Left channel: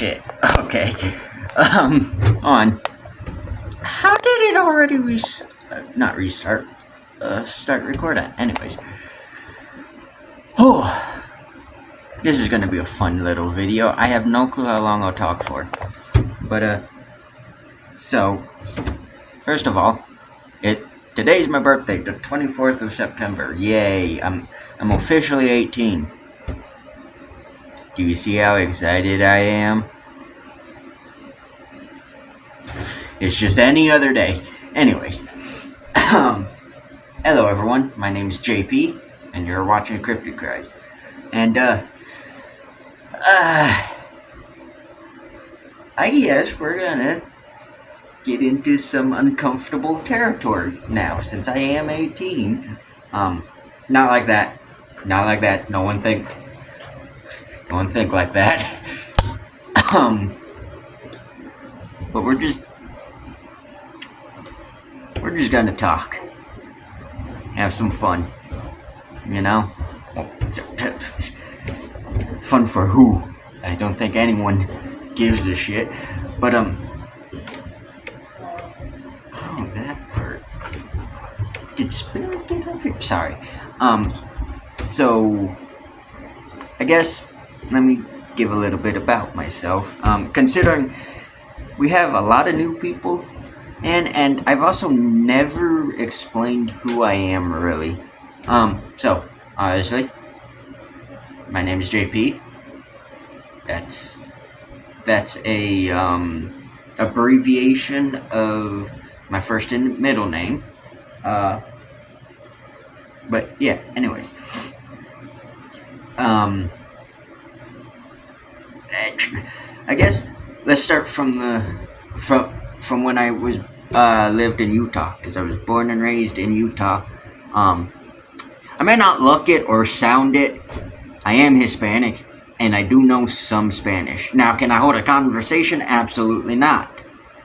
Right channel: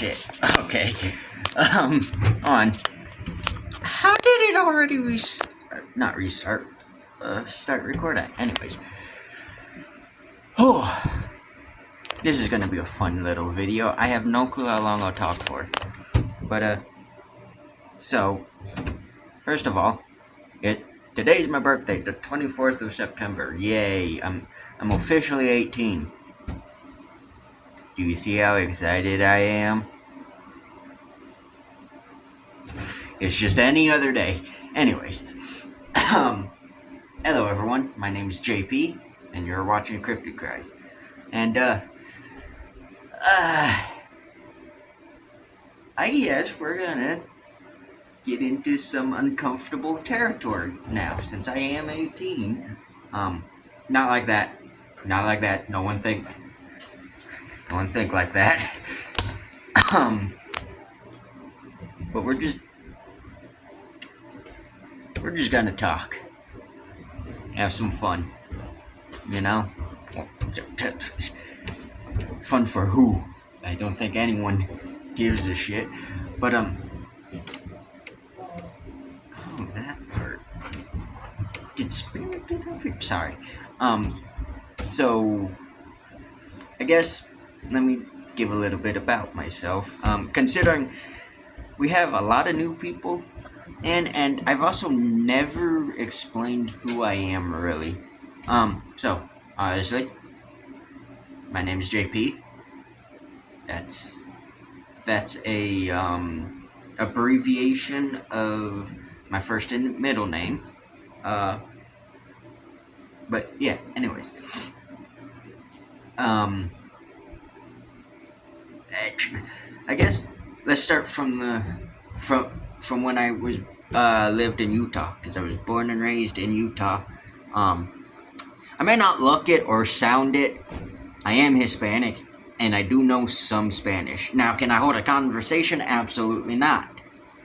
shit. Okay. On. How did it already not restart? Start recording. Anyways. Oh. This is gonna be a fun little video. I have no clue how long I'll talk for. But, so, first of all, today's my birthday, the 24th of September. Yay, I'm officially 18. Do you see how excited I am? It's just any other day. Anyways, hello everyone, my name is JP, and you're watching Cryptid Cries. And, I guess we're gonna get into some uncomfortable territory now, since I am 18. Not like that. Not like that. No one think like that. But we're just gonna talk. Have some fun. You know? Fun for who? I don't think anyone gives a shit. But, oh, that hurt. Did Spirit get up here? Sorry. So, I guess, let me give a little bit about myself. Considering we have a lot of new people, and I've also never explained who I am, really. So, honestly, my name is JP. That's a, abbreviation of my first and middle name. But, yeah, anyways. I guess let's start from when I was lived in Utah, because I was born and raised in Utah. I may not look it or sound it. I am Hispanic, and I do know some Spanish. Now, can I hold a conversation? Absolutely not.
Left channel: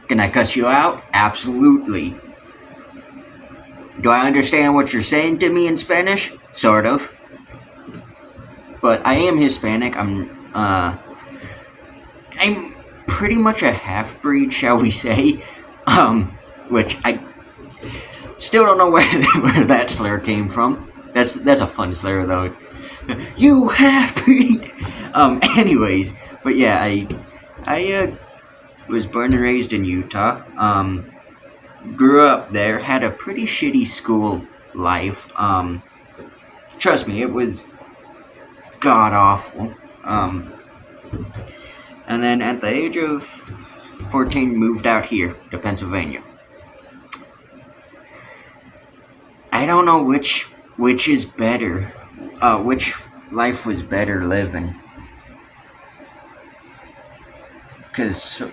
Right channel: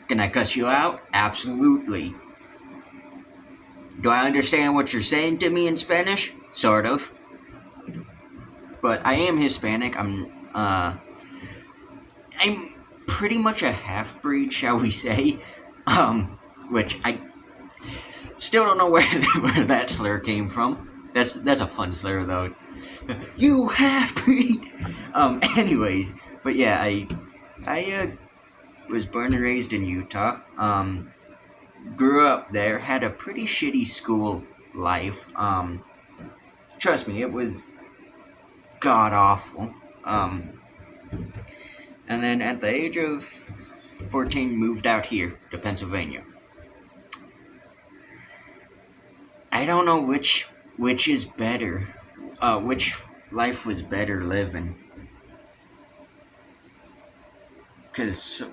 Can I cuss you out? Absolutely. Do I understand what you're saying to me in Spanish? Sort of. But I am Hispanic. I'm pretty much a half-breed, shall we say. Which I still don't know where that slur came from. That's a fun slur, though. You half-breed! Anyways, but yeah, I was born and raised in Utah. Grew up there, had a pretty shitty school life. Trust me, it was god-awful. And then at the age of 14, moved out here to Pennsylvania. I don't know which is better. Which life was better living. Because,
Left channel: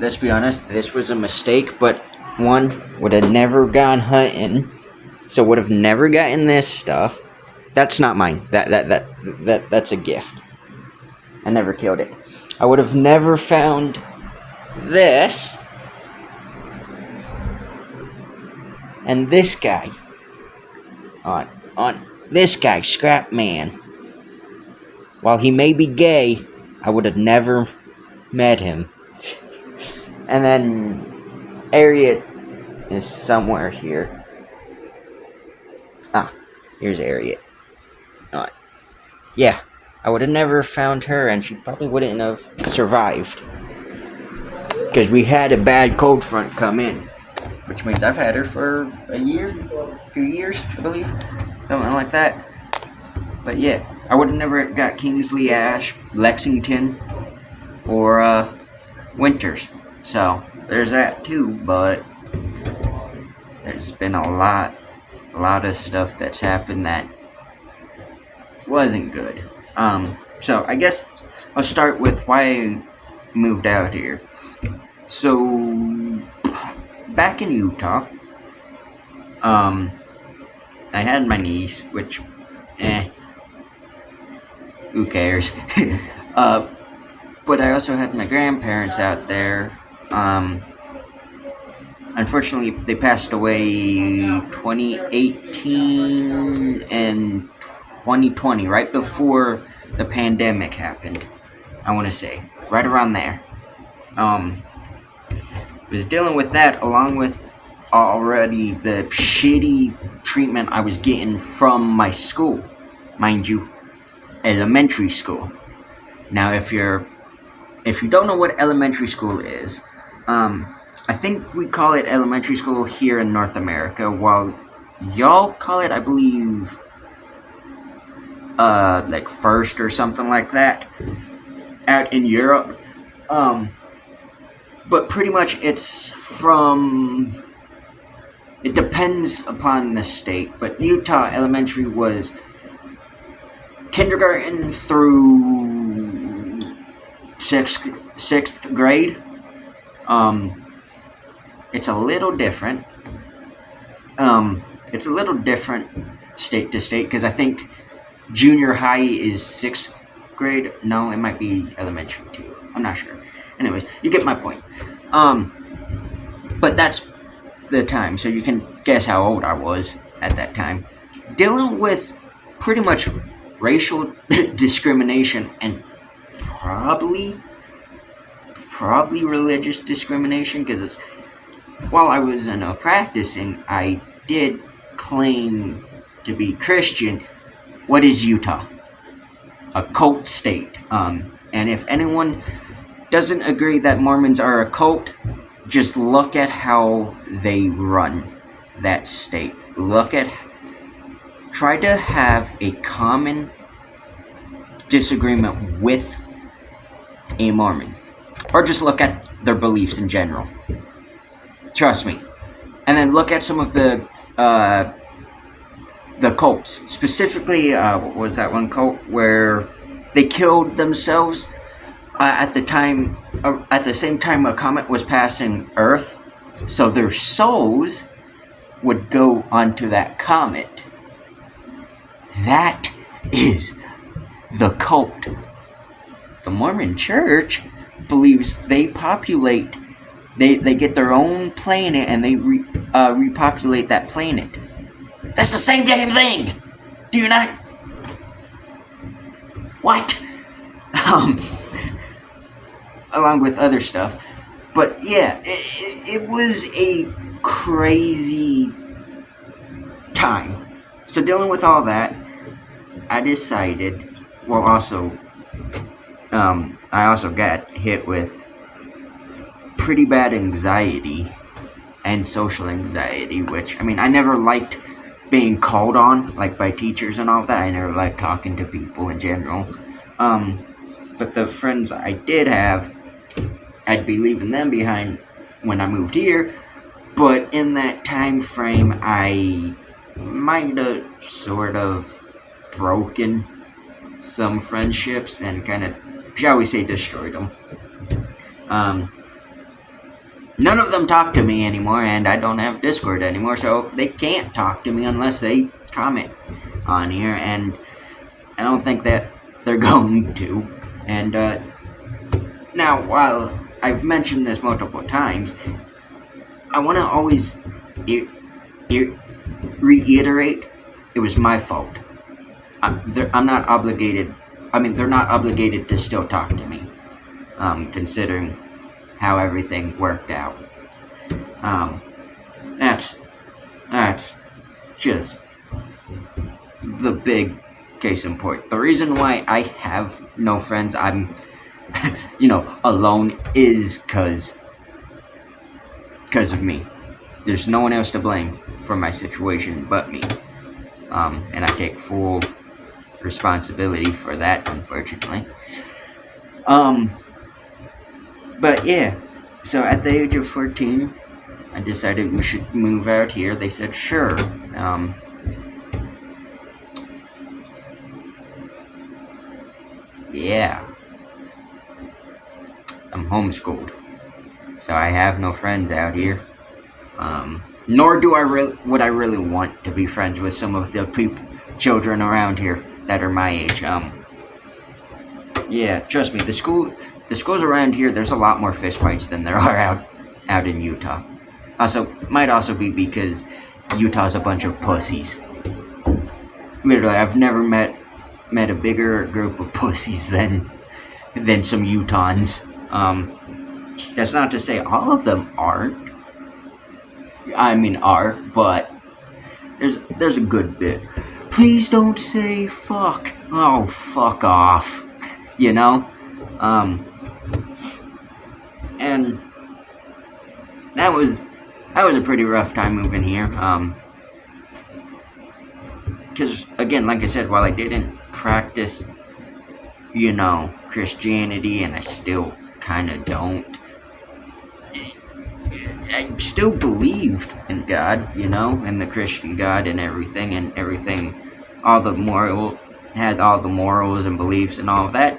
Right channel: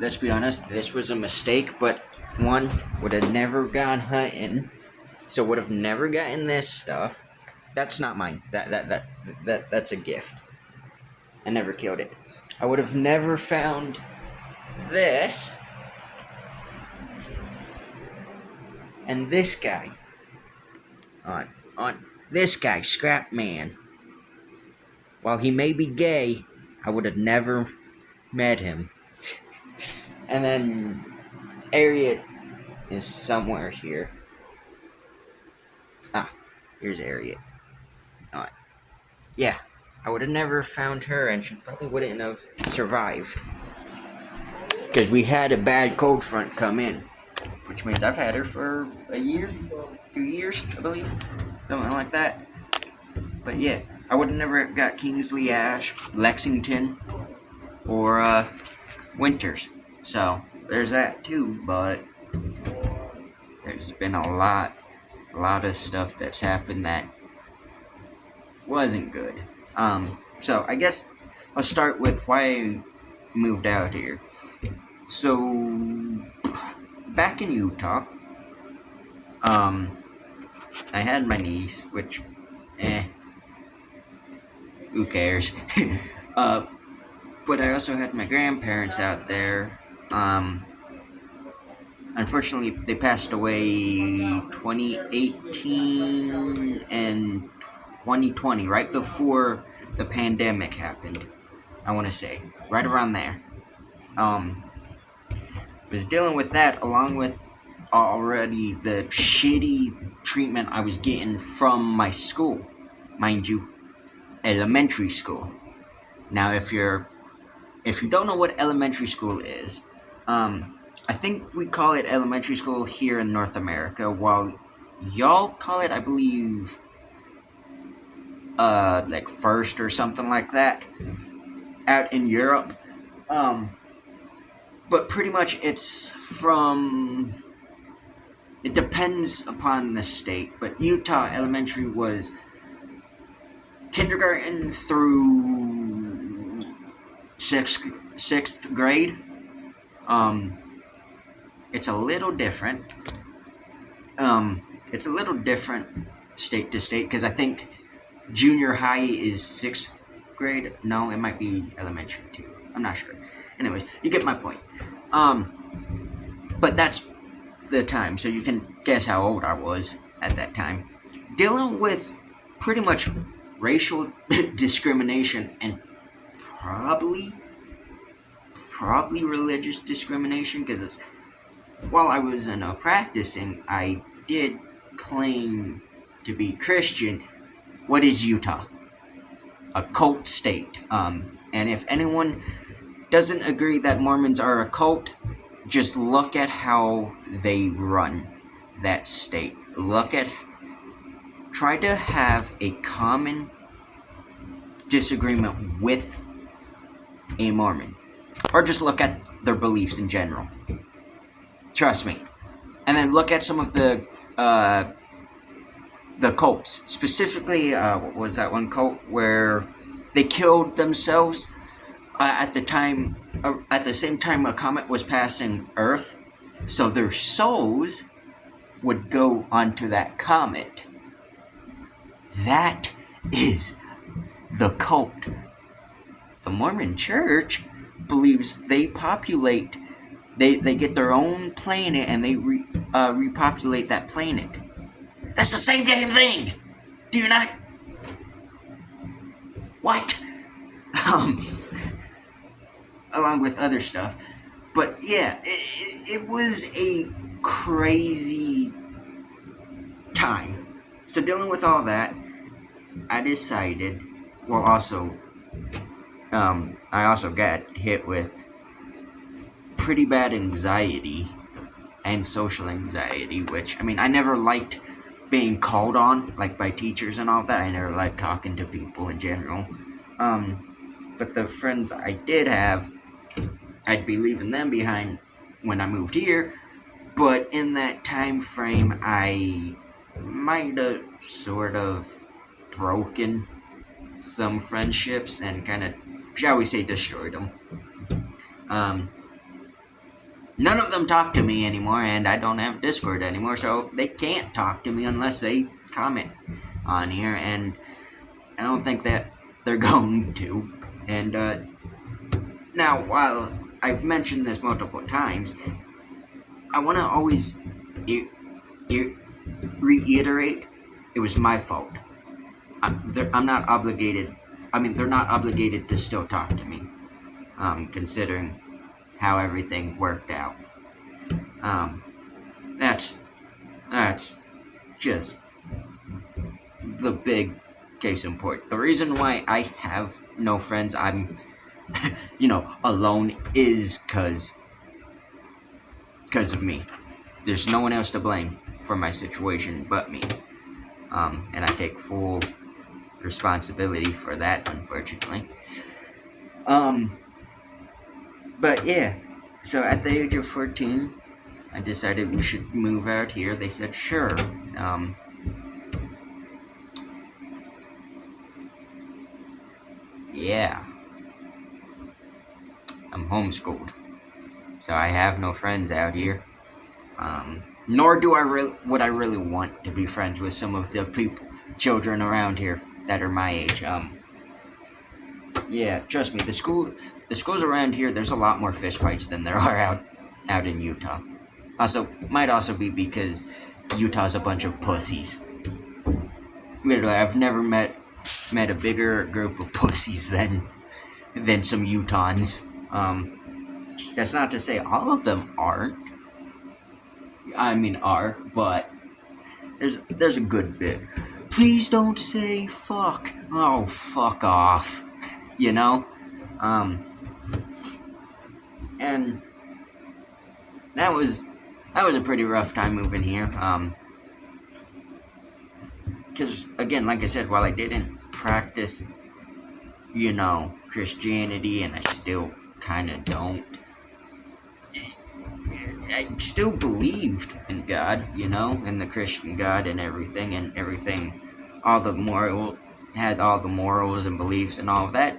let's be honest, this was a mistake, but one, would have never gone hunting, so would have never gotten this stuff. That's not mine. That's a gift. I never killed it. I would have never found this. And this guy. On this guy, Scrap Man. While he may be gay, I would have never met him. And then Harriet is somewhere here. Here's Harriet. Yeah, I would have never found her, and she probably wouldn't have survived. Because we had a bad cold front come in. Which means I've had her for a year, 2 years, I believe. Something like that. But yeah, I would have never got Kingsley Ash, Lexington, or Winters. So, there's that too, but there's been a lot of stuff that's happened that wasn't good. So I guess I'll start with why I moved out here. So, back in Utah, I had my niece, which, who cares? But I also had my grandparents out there. Unfortunately, they passed away 2018 and 2020, right before the pandemic happened. I want to say. Right around there. Was dealing with that along with already the shitty treatment I was getting from my school. Mind you, elementary school. Now, if you don't know what elementary school is, I think we call it elementary school here in North America, while y'all call it, I believe, like first or something like that, out in Europe. But pretty much it's it depends upon the state, but Utah elementary was kindergarten through sixth grade. It's a little different. It's a little different state to state, because I think junior high is 6th grade. No, it might be elementary too. I'm not sure. Anyways, you get my point. But that's the time, so you can guess how old I was at that time. Dealing with pretty much racial discrimination and probably religious discrimination, because while I was practicing, I did claim to be Christian. What is Utah? A cult state. And if anyone doesn't agree that Mormons are a cult, just look at how they run that state. Try to have a common disagreement with a Mormon, or just look at their beliefs in general. Trust me. And then look at some of the cults. Specifically, what was that one cult where they killed themselves at the same time a comet was passing Earth, so their souls would go onto that comet. That is the cult. The Mormon Church believes they get their own planet and they repopulate that planet. That's the same damn thing! Do you not? What? Along with other stuff. But yeah, it was a crazy time. So dealing with all that, I decided, I also got hit with pretty bad anxiety and social anxiety, which, I never liked being called on, like, by teachers and all that. I never liked talking to people in general. But the friends I did have, I'd be leaving them behind when I moved here, but in that time frame, I might have sort of broken some friendships and kind of, shall we say, destroyed them. None of them talk to me anymore, and I don't have Discord anymore, so they can't talk to me unless they comment on here, and I don't think that they're going to. And now, while I've mentioned this multiple times, I want to always reiterate, it was my fault. I'm not obligated. They're not obligated to still talk to me, considering how everything worked out. That's just the big case in point. The reason why I have no friends, I'm alone, is because of me. There's no one else to blame for my situation but me. And I take full responsibility for that, unfortunately. But yeah, so at the age of 14, I decided we should move out here. They said, sure. Yeah. I'm homeschooled, so I have no friends out here. Nor do would I really want to be friends with some of the children around here that are my age. Yeah, trust me, the schools around here, there's a lot more fist fights than there are out in Utah. Might also be because Utah's a bunch of pussies. Literally, I've never met a bigger group of pussies than than some Utahns. That's not to say all of them aren't. I mean, are, but there's a good bit. Please don't say fuck. Oh, fuck off. You know? And that was a pretty rough time moving here. Because again, like I said, while I didn't practice, Christianity, and I still kind of don't, I still believed in God, in the Christian God and everything, had all the morals and beliefs and all of that.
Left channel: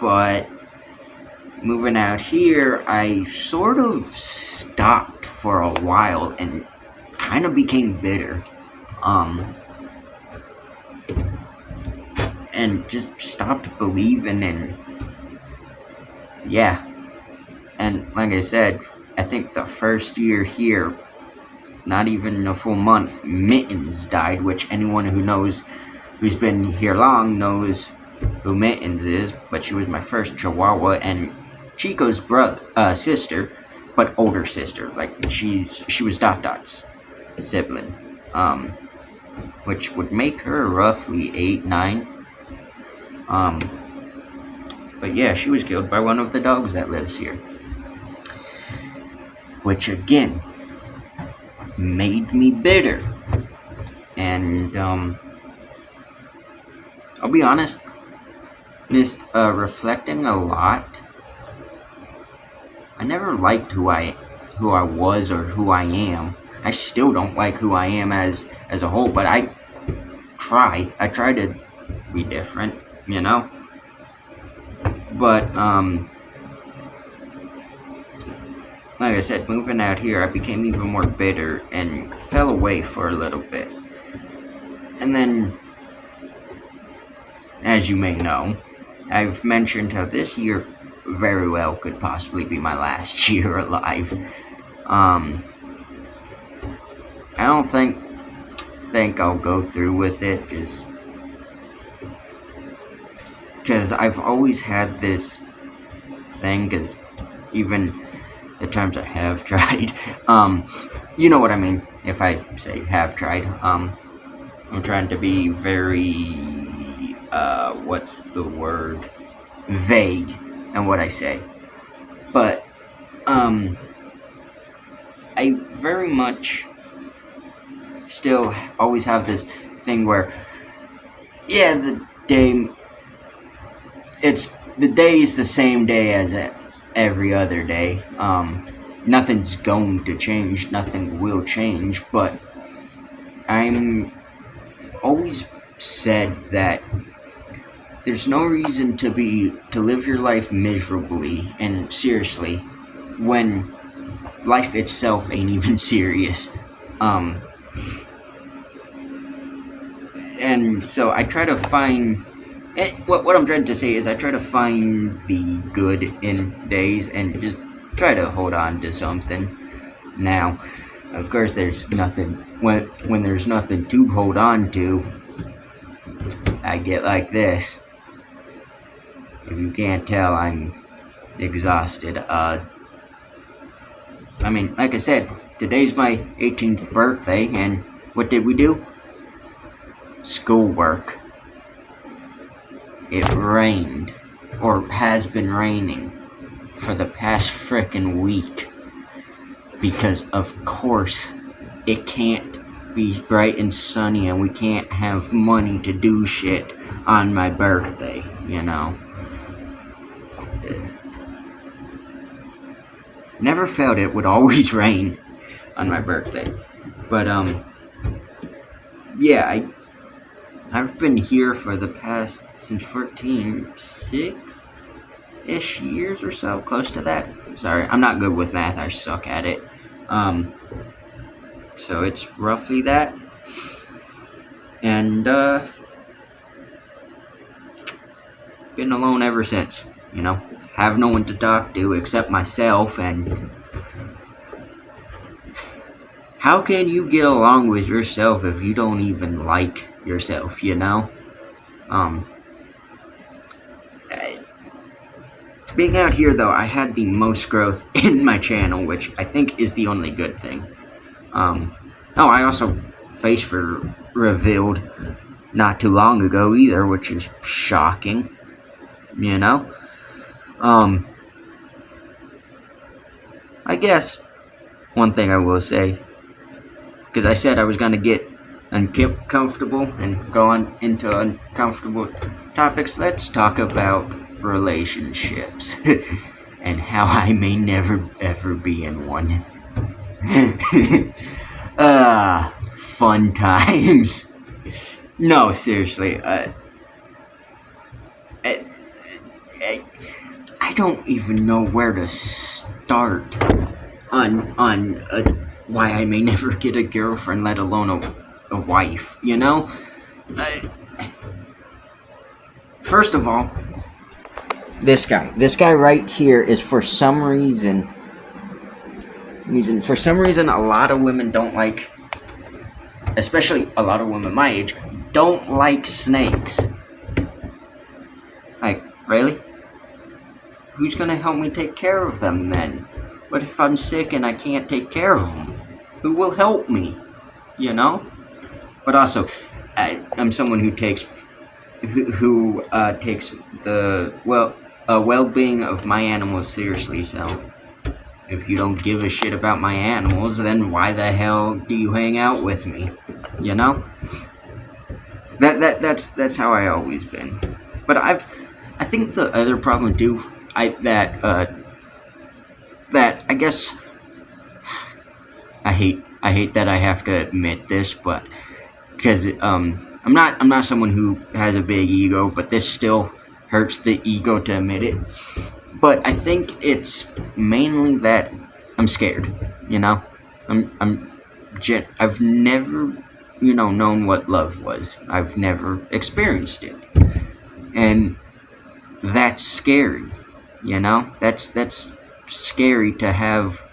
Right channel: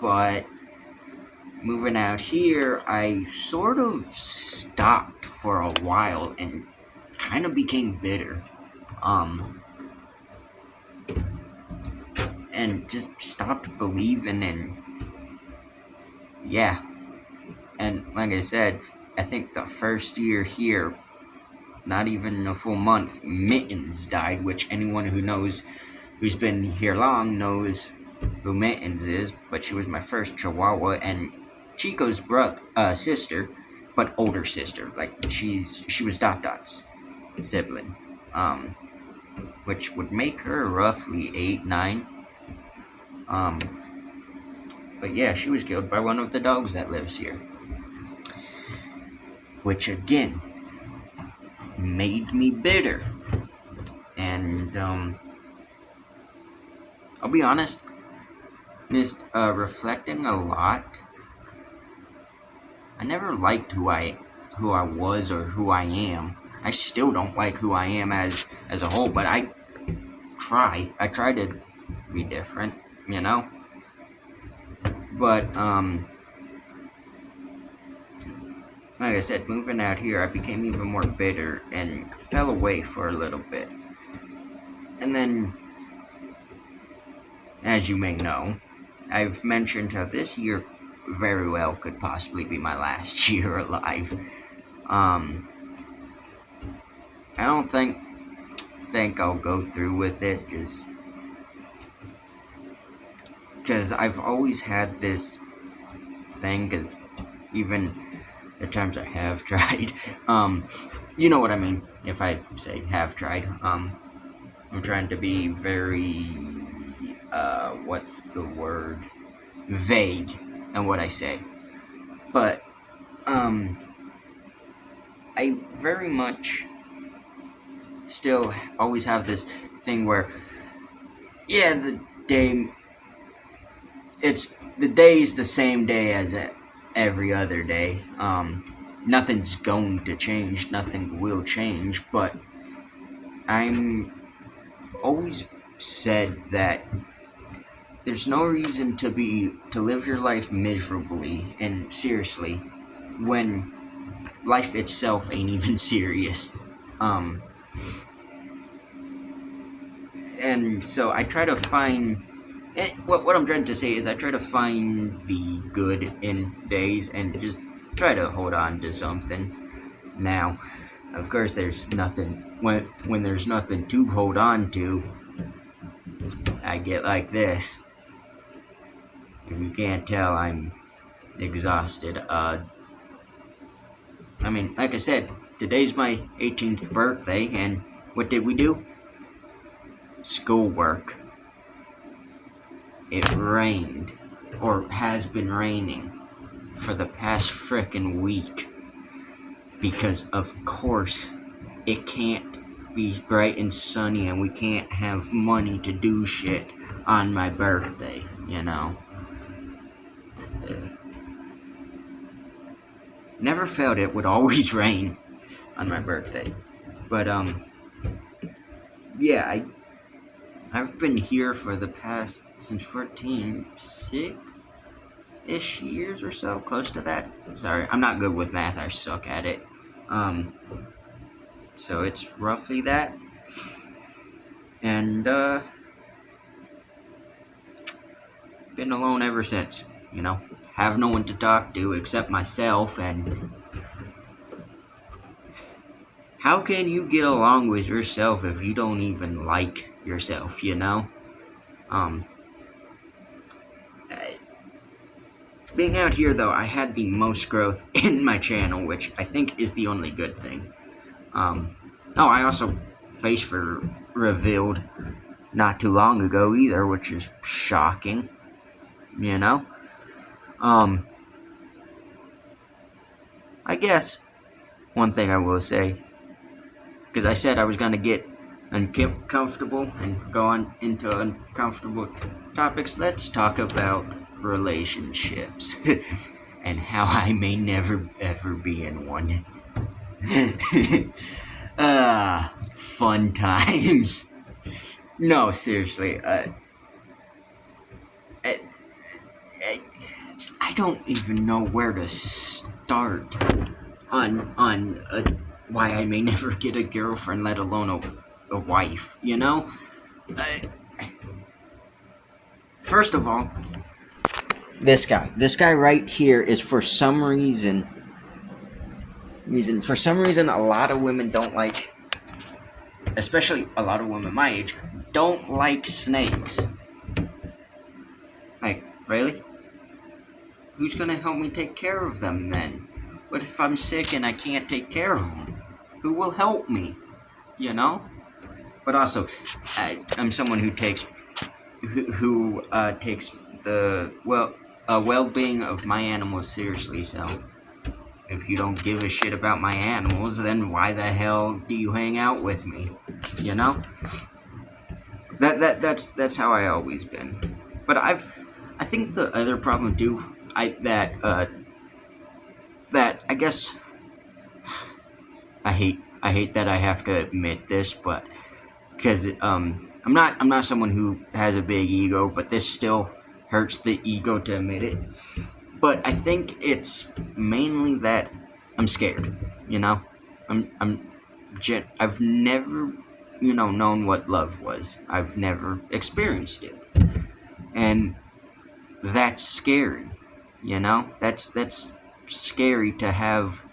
But moving out here, I sort of stopped for a while and kind of became bitter. And just stopped believing, and yeah. And like I said, I think the first year here, not even a full month, Mittens died, which anyone who's been here long knows who Mittens is, but she was my first Chihuahua, and Chico's sister, but older sister. Like, she was Dot's sibling, which would make her roughly 8, 9. But yeah, she was killed by one of the dogs that lives here, which again made me bitter. And I'll be honest, just reflecting a lot, I never liked who I was or who I am. I still don't like who I am as a whole, but I try to be different, But like I said, moving out here, I became even more bitter and fell away for a little bit. And then, as you may know, I've mentioned how this year very well could possibly be my last year alive. I don't think I'll go through with it, just because I've always had this thing, because even the times I have tried, you know what I mean if I say have tried. I'm trying to be very, what's the word, vague in what I say. But, I very much still always have this thing where, yeah, the day is the same day as every other day. Nothing's going to change, nothing will change, but I'm always said that there's no reason to live your life miserably and seriously when life itself ain't even serious. And so I try to find, what I'm trying to say is I try to find the good in days and just try to hold on to something. Now, of course, there's nothing, when there's nothing to hold on to, I get like this. If you can't tell, I'm exhausted. I mean, like I said, today's my 18th birthday, and what did we do? Schoolwork. It rained, or has been raining, for the past frickin' week. Because, of course, it can't be bright and sunny, and we can't have money to do shit on my birthday, Never felt it would always rain on my birthday. But, yeah, I've been here for the past, since 6-ish years or so, close to that. Sorry, I'm not good with math, I suck at it. So it's roughly that. And, been alone ever since, Have no one to talk to except myself, and how can you get along with yourself if you don't even like yourself, being out here, though, I had the most growth in my channel, which I think is the only good thing. I also face revealed not too long ago either, which is shocking, you know? I guess one thing I will say, because I said I was going to get uncomfortable and go on into uncomfortable topics, let's talk about relationships and how I may never ever be in one. Fun times. No, seriously. I don't even know where to start on why I may never get a girlfriend, let alone a wife. You know. First of all, this guy right here is for some reason, a lot of women don't like, especially a lot of women my age, don't like snakes. Like, really? Who's gonna help me take care of them then? What if I'm sick and I can't take care of them? Who will help me? You know? But also, I'm someone who takes the well-being of my animals seriously, so if you don't give a shit about my animals, then why the hell do you hang out with me? You know? That's how I always been. But I think the other problem too, that I guess I hate that I have to admit this, but because I'm not someone who has a big ego, but this still hurts the ego to admit it. But I think it's mainly that I'm scared, you know? I've never, known what love was. I've never experienced it. And that's scary, you know? That's scary to have,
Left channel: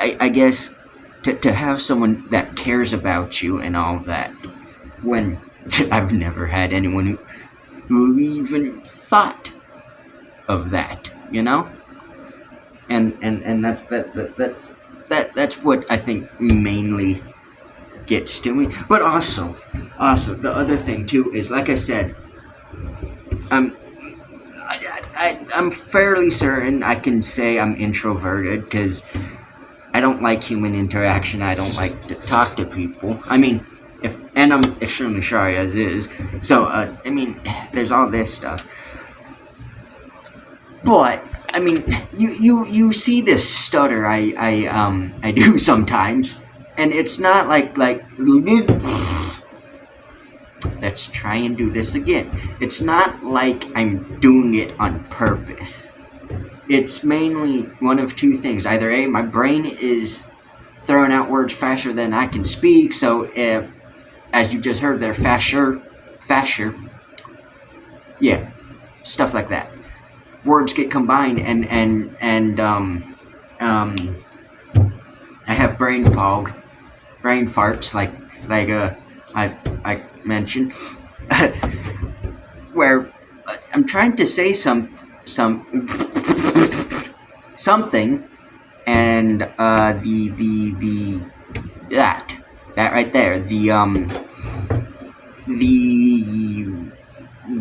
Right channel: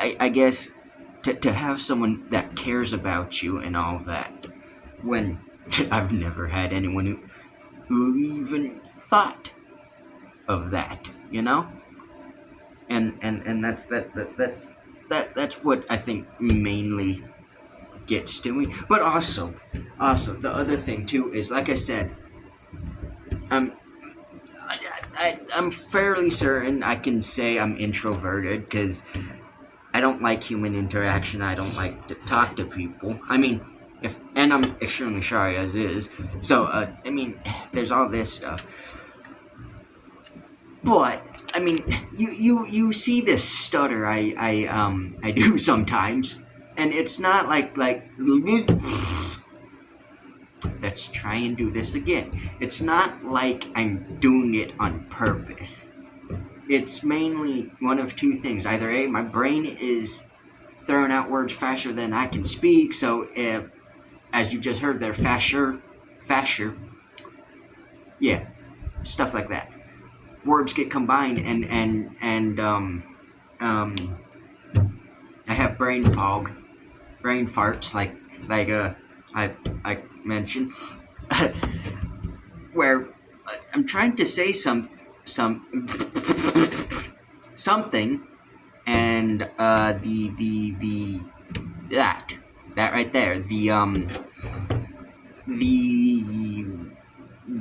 I guess, to have someone that cares about you and all that, when I've never had anyone who even thought of that, you know? And that's what I think mainly gets to me. But also the other thing too is, like I said, I'm fairly certain I can say I'm introverted, because I don't like human interaction. I don't like to talk to people. I mean, and I'm extremely shy as is. So there's all this stuff. But I mean, you see this stutter I do sometimes, and it's not like let's try and do this again. It's not like I'm doing it on purpose. It's mainly one of two things. Either A, my brain is throwing out words faster than I can speak, so as you just heard there, faster, yeah, stuff like that. Words get combined, and I have brain fog, brain farts, like I mentioned, where I'm trying to say something, and that right there, the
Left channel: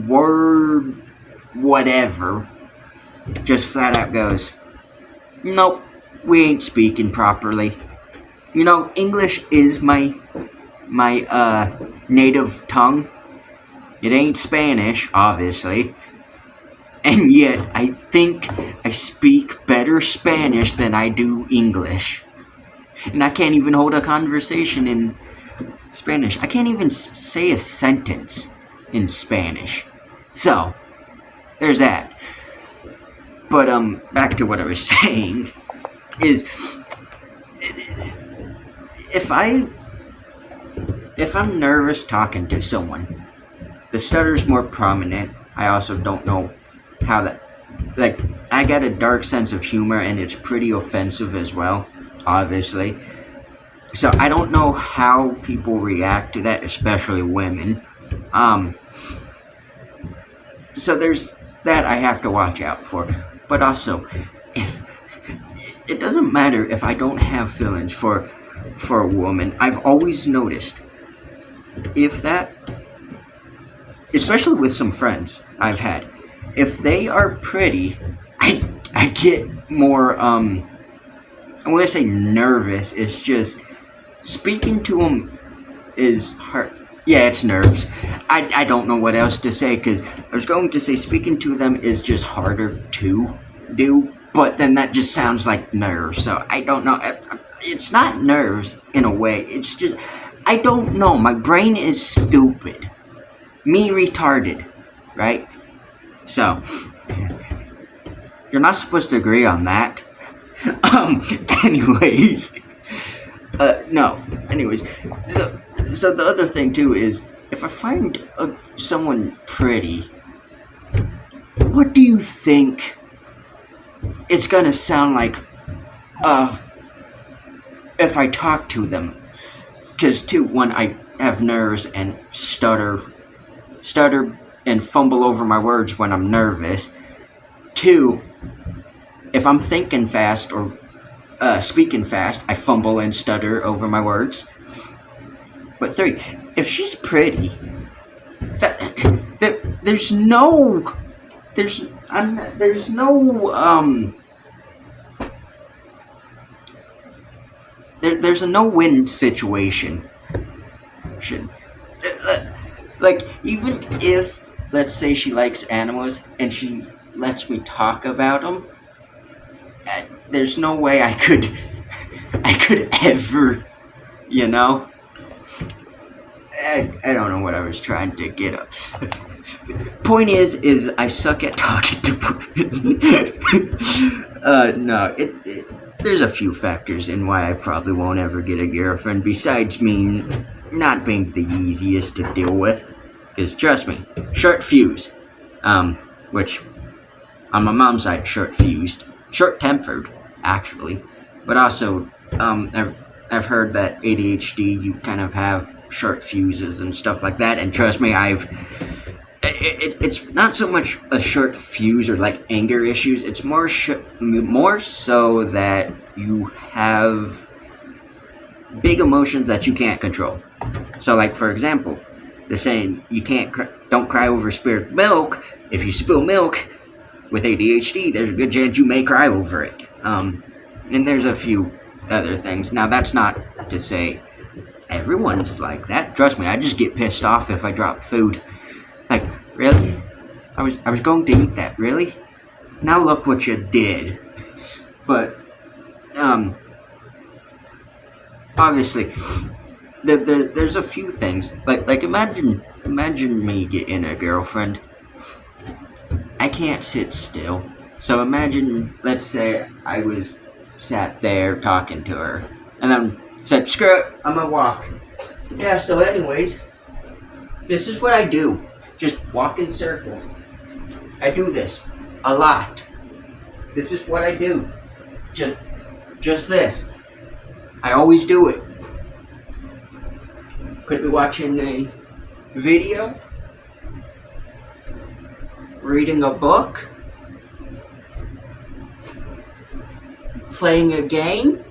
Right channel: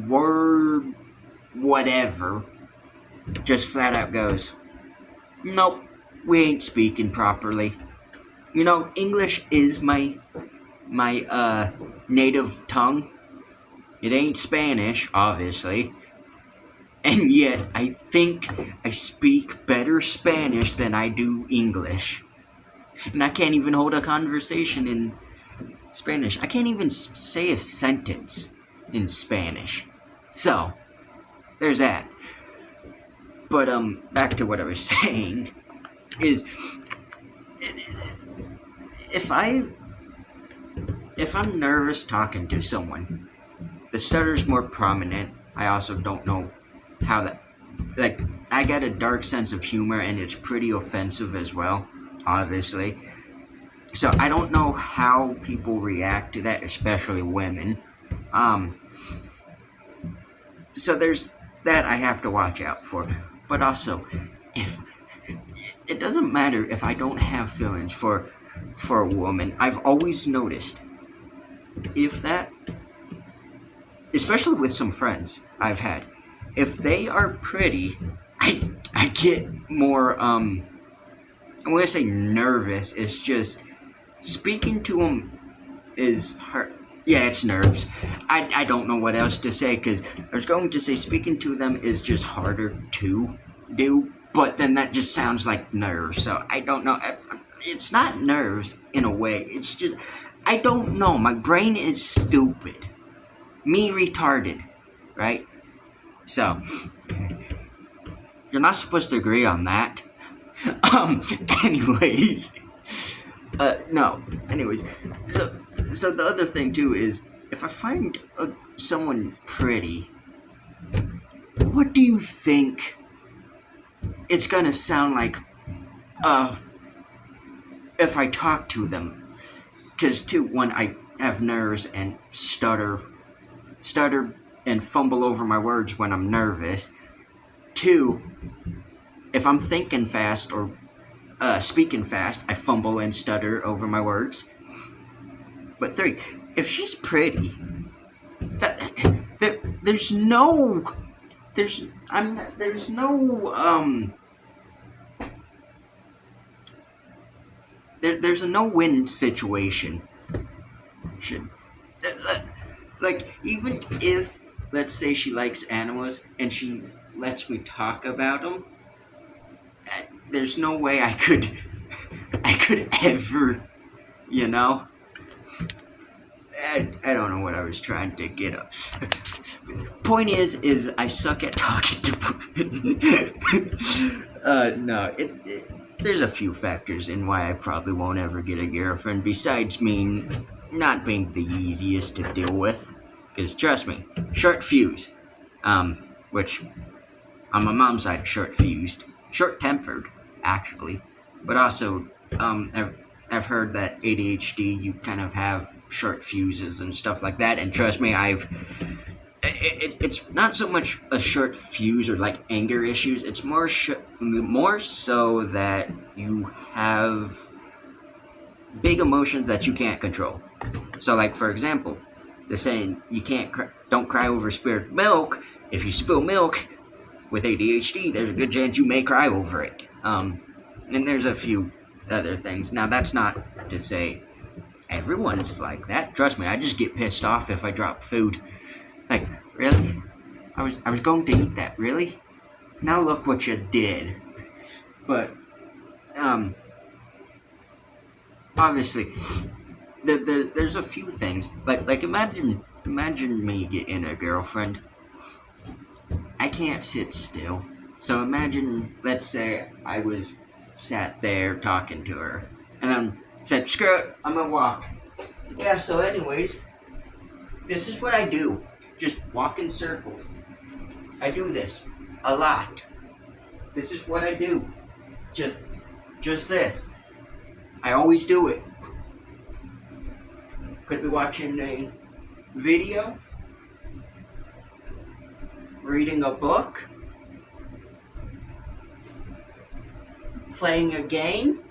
word whatever just flat out goes, nope, we ain't speaking properly. You know, English is my native tongue. It ain't Spanish, obviously. And yet, I think I speak better Spanish than I do English. And I can't even hold a conversation in Spanish. I can't even say a sentence in Spanish. So, there's that. But, back to what I was saying, is, if I'm nervous talking to someone, the stutter's more prominent. I also don't know how that, I got a dark sense of humor, and it's pretty offensive as well, obviously. So I don't know how people react to that, especially women. So there's that I have to watch out for. But also, if it doesn't matter if I don't have feelings for a woman, I've always noticed if that, especially with some friends I've had, if they are pretty, I get more I want to say nervous. It's just speaking to them is hard. Yeah, it's nerves. I don't know what else to say, because I was going to say speaking to them is just harder to do, but then that just sounds like nerves. So I don't know. It's not nerves in a way. It's just, I don't know. My brain is stupid. Me retarded, right? So, you're not supposed to agree on that. Anyways. No. Anyways. So the other thing too is, if I find someone pretty, what do you think it's gonna sound like if I talk to them? Because too, when I have nerves and stutter and fumble over my words when I'm nervous. Two, if I'm thinking fast or speaking fast, I fumble and stutter over my words. But three, if she's pretty, there's no a no-win situation. Like, even if, let's say she likes animals and she lets me talk about them, there's no way I could ever, you know? I don't know what I was trying to get at. Point is I suck at talking to women. No, there's a few factors in why I probably won't ever get a girlfriend, besides me not being the easiest to deal with. Because trust me, short fuse, which on my mom's side, short-fused, short-tempered, actually, but also, I've heard that ADHD, you kind of have short fuses and stuff like that, and trust me, it's not so much a short fuse or like anger issues, it's more so that you have big emotions that you can't control. So, like, for example, the saying, don't cry over spilled milk. If you spill milk with ADHD, there's a good chance you may cry over it. And there's a few other things. Now, that's not to say everyone's like that. Trust me, I just get pissed off if I drop food. Like, really? I was going to eat that, really? Now look what you did. But, obviously, there's a few things. Like imagine me getting a girlfriend. I can't sit still. So imagine, let's say I was sat there talking to her, and then said, screw it, I'm gonna walk. Yeah, so anyways, this is what I do. Just walk in circles. I do this a lot. This is what I do. Just this. I always do it. Could be watching a video, reading a book, playing a game,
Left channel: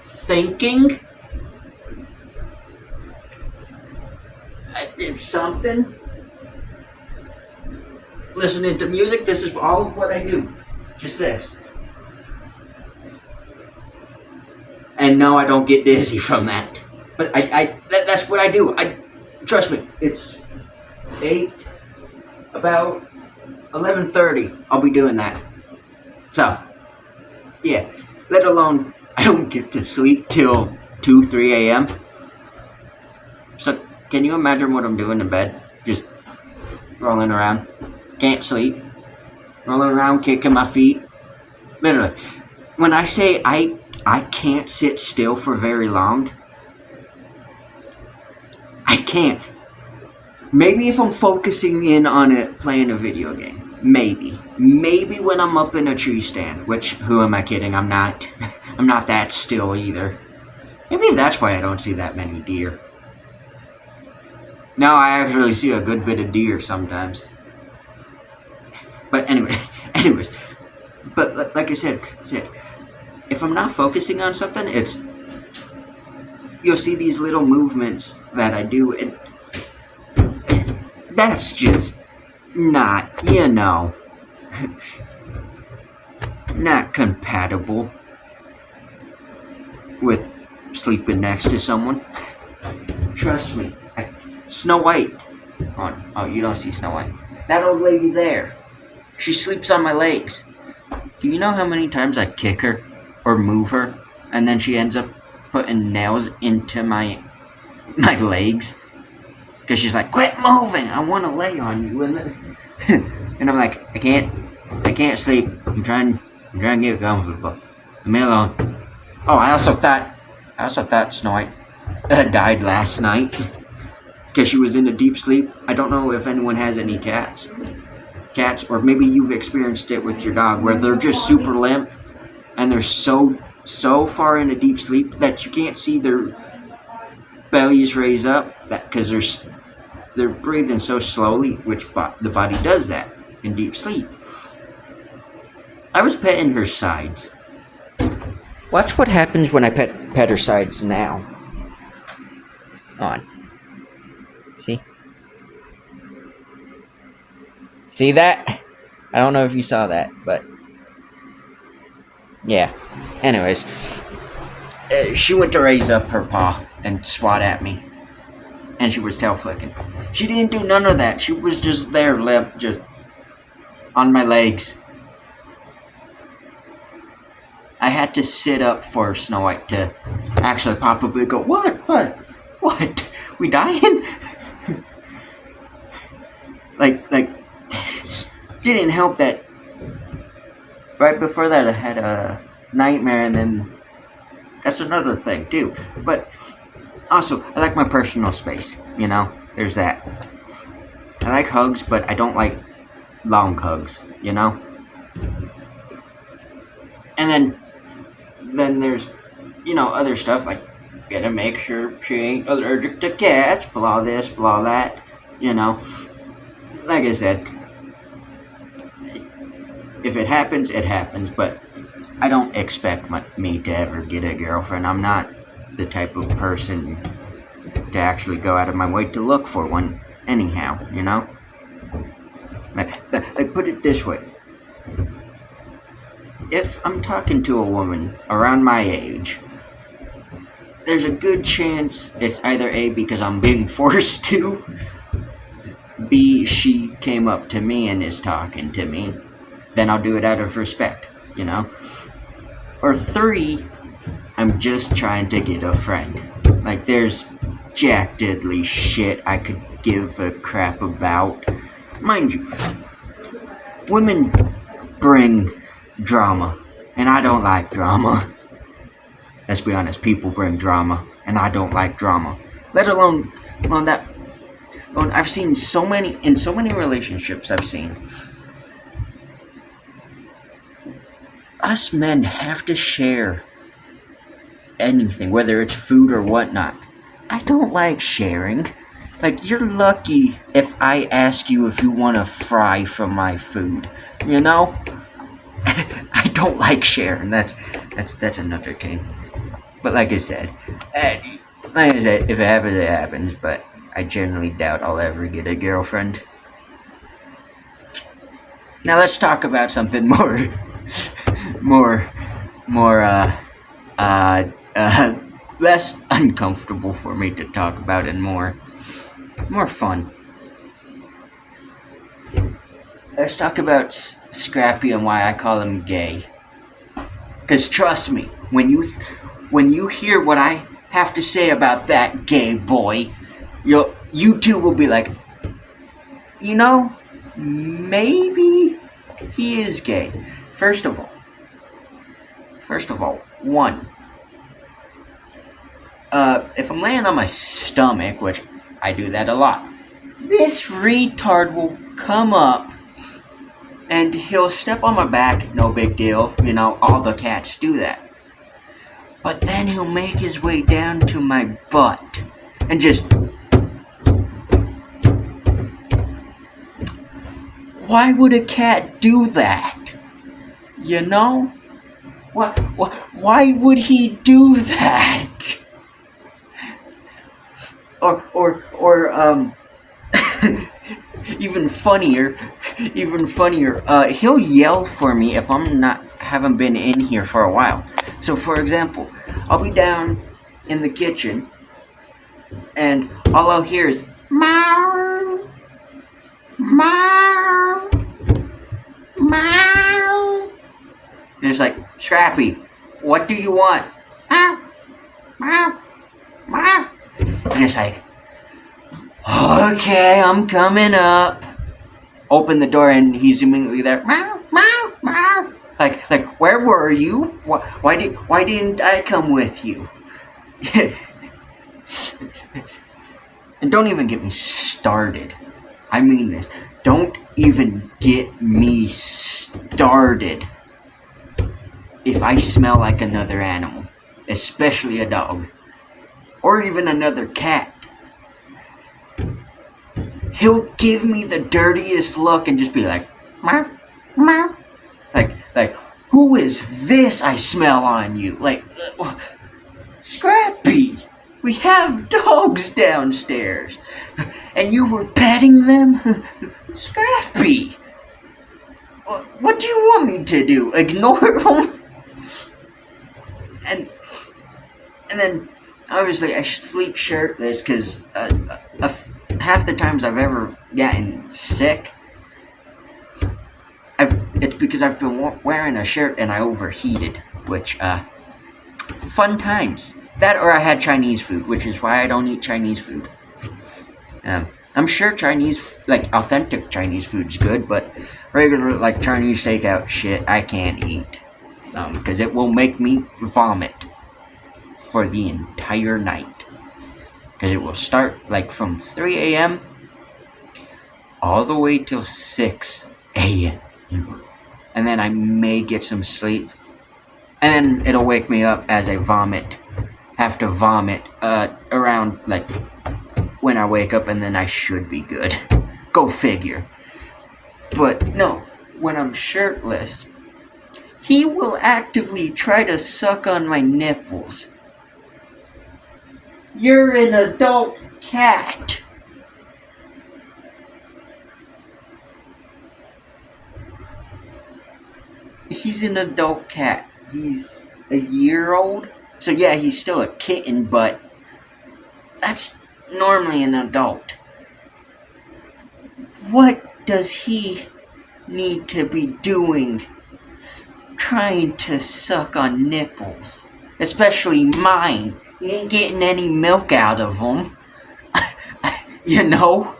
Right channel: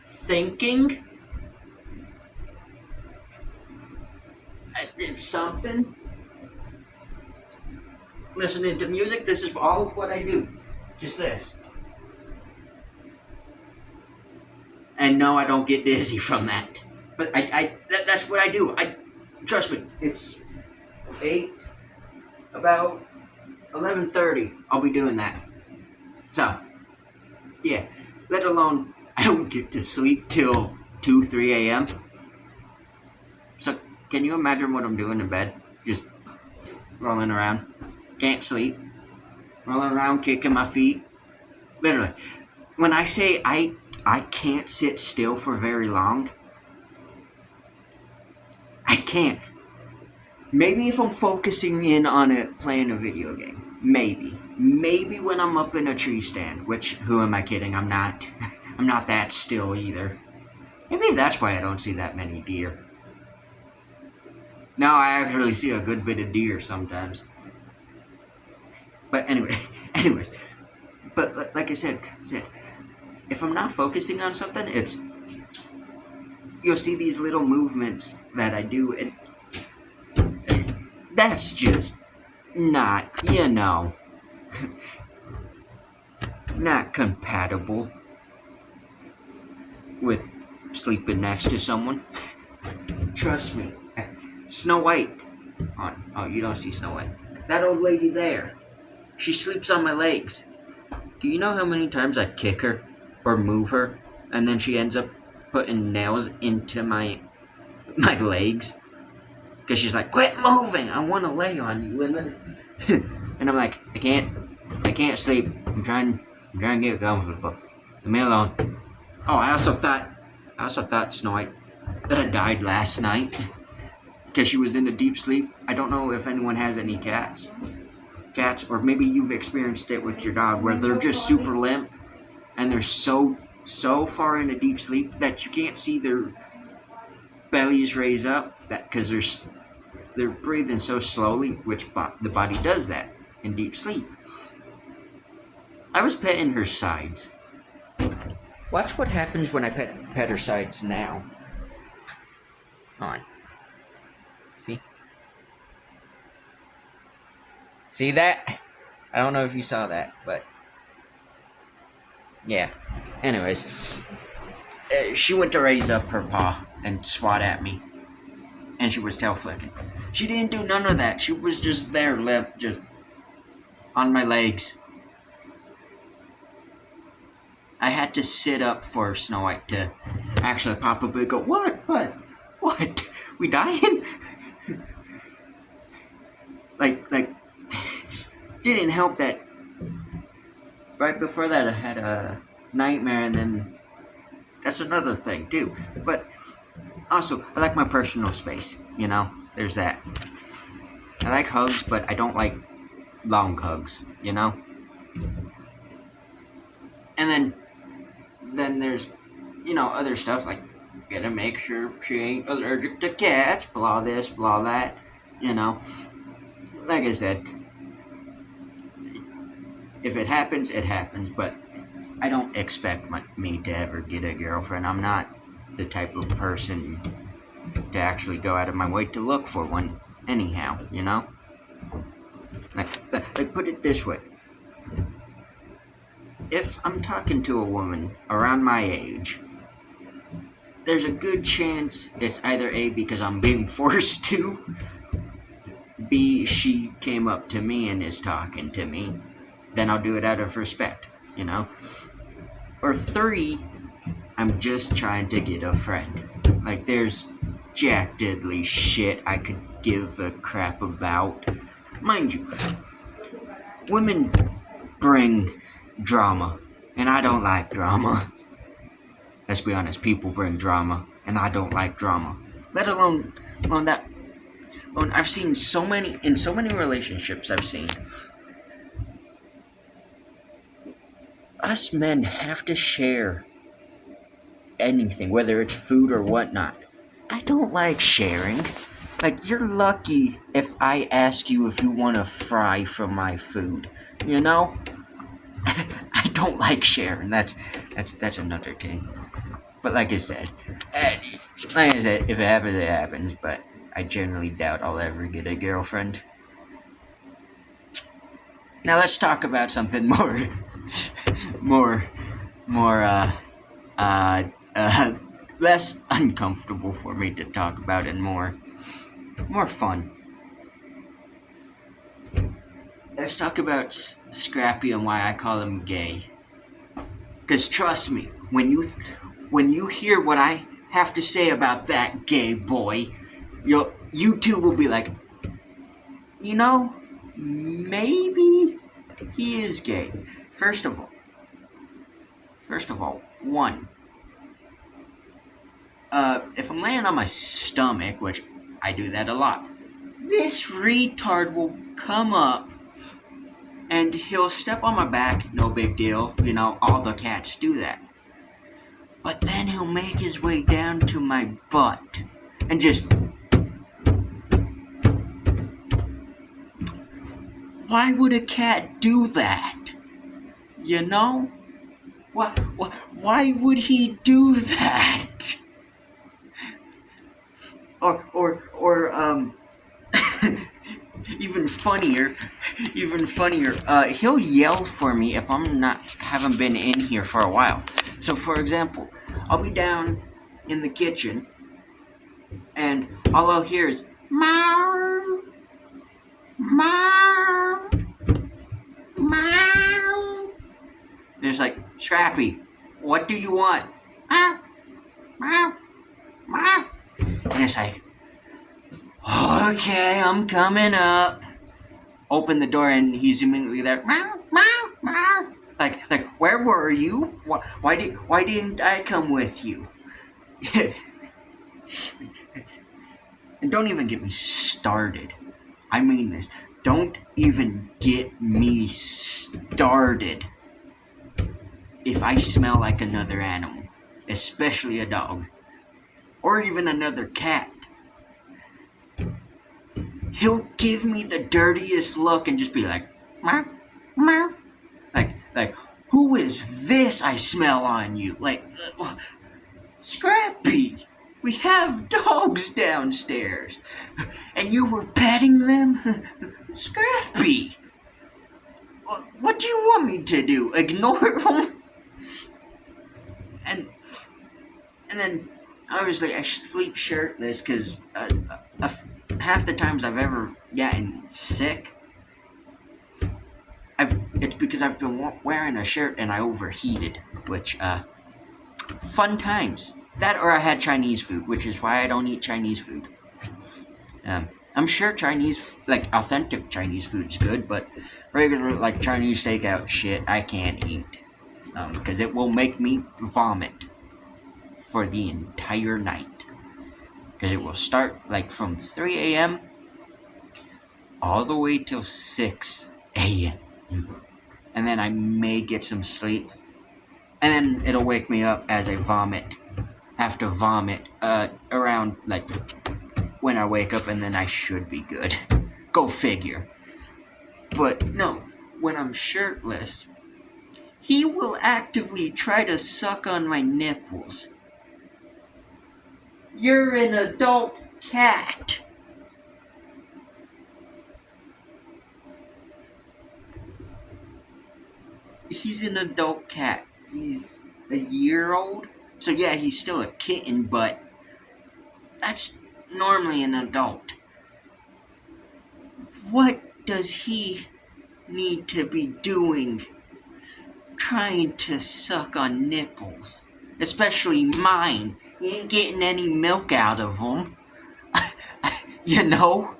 thinking, something, listening to music. This is all what I do. Just this. And no, I don't get dizzy from that. But that's what I do. Trust me, it's about 11:30. I'll be doing that. So, yeah. Let alone, I don't get to sleep till 2, 3 a.m. So, can you imagine what I'm doing in bed? Just rolling around. Can't sleep. Rolling around, kicking my feet. Literally. When I say I can't sit still for very long, I can't. Maybe if I'm focusing in on it, playing a video game. Maybe. Maybe when I'm up in a tree stand, which, who am I kidding? I'm not that still either. Maybe that's why I don't see that many deer. Now I actually see a good bit of deer sometimes. But anyway, anyways, but like I said, if I'm not focusing on something, you'll see these little movements that I do, and that's just not, not compatible with sleeping next to someone. Trust me. Snow White. Oh, you don't see Snow White. That old lady there. She sleeps on my legs. Do you know how many times I kick her or move her, and then she ends up putting nails into my legs? Because she's like, quit moving, I want to lay on you. And I'm like, I can't sleep. I'm trying to get comfortable. Leave me alone. Oh, I also thought Snow White died last night because she was in a deep sleep. I don't know if anyone has any cats, or maybe you've experienced it with your dog, where they're just super limp and they're so far into deep sleep that you can't see their bellies raise up, because they're breathing so slowly, which the body does that in deep sleep. I was petting her sides. Watch what happens when I pet her sides now. On. See that? I don't know if you saw that, but yeah. Anyways, she went to raise up her paw and swat at me, and she was tail flicking. She didn't do none of that. She was just there, limp, just on my legs. I had to sit up for Snow White to actually probably go, what? We dying? like, didn't help that right before that I had a nightmare, and then that's another thing too. But also, I like my personal space, there's that. I like hugs, but I don't like long hugs, And then there's, other stuff, like, gotta make sure she ain't allergic to cats, blah this, blah that, Like I said, if it happens, it happens, but I don't expect me to ever get a girlfriend. I'm not the type of person to actually go out of my way to look for one anyhow, Like, put it this way. If I'm talking to a woman around my age, there's a good chance it's either A, because I'm being forced to, B, she came up to me and is talking to me, then I'll do it out of respect, Or 3, I'm just trying to get a friend. Like, there's jack diddly shit I could give a crap about. Mind you, women bring drama, and I don't like drama. Let's be honest, people bring drama, and I don't like drama. Let alone that. I've seen in so many relationships I've seen, us men have to share anything, whether it's food or whatnot. I don't like sharing. Like, you're lucky if I ask you if you want to fry from my food, I don't like sharing. That's another thing. But like I said, if it happens, it happens. But I generally doubt I'll ever get a girlfriend. Now let's talk about something more, less uncomfortable for me to talk about, and more fun. Let's talk about Scrappy and why I call him gay. Because trust me, when you hear what I have to say about that gay boy, you too will be like, maybe he is gay. First of all, one, if I'm laying on my stomach, which I do that a lot, this retard will come up and he'll step on my back, no big deal, all the cats do that. But then he'll make his way down to my butt and just Why would a cat do that? You know? Why would he do that? Or even funnier, he'll yell for me if haven't been in here for a while. So for example, I'll be down in the kitchen and all I'll hear is meow, meow, meow. And it's like, Scrappy, what do you want? Meow, meow, meow. And it's like, okay, I'm coming up. Open the door and he's immediately there. Meow, meow, meow. Like, where were you? Why didn't I come with you? And don't even get me started. I mean this. Don't even get me started if I smell like another animal, especially a dog, or even another cat. He'll give me the dirtiest look and just be like, meow, meow. Like, who is this I smell on you? Like, Scrappy, we have dogs downstairs, and you were petting them? Scrappy, what do you want me to do? Ignore them? And then, obviously, I sleep shirtless because half the times I've ever gotten sick, it's because I've been wearing a shirt and I overheated, which, fun times. That or I had Chinese food, which is why I don't eat Chinese food. I'm sure Chinese, like, authentic Chinese food's good, but regular, like, Chinese takeout shit, I can't eat. Because it will make me vomit for the entire night. Because it will start, like, from 3 a.m. all the way till 6 a.m. And then I may get some sleep. And then it'll wake me up as I have to vomit around, like, when I wake up, and then I should be good. Go figure. But no, when I'm shirtless, he will actively try to suck on my nipples. You're an adult cat. He's an adult cat. He's a year old. So yeah, he's still a kitten, but that's normally an adult. What does he need to be doing trying to suck on nipples? Especially mine. He ain't getting any milk out of them. You know?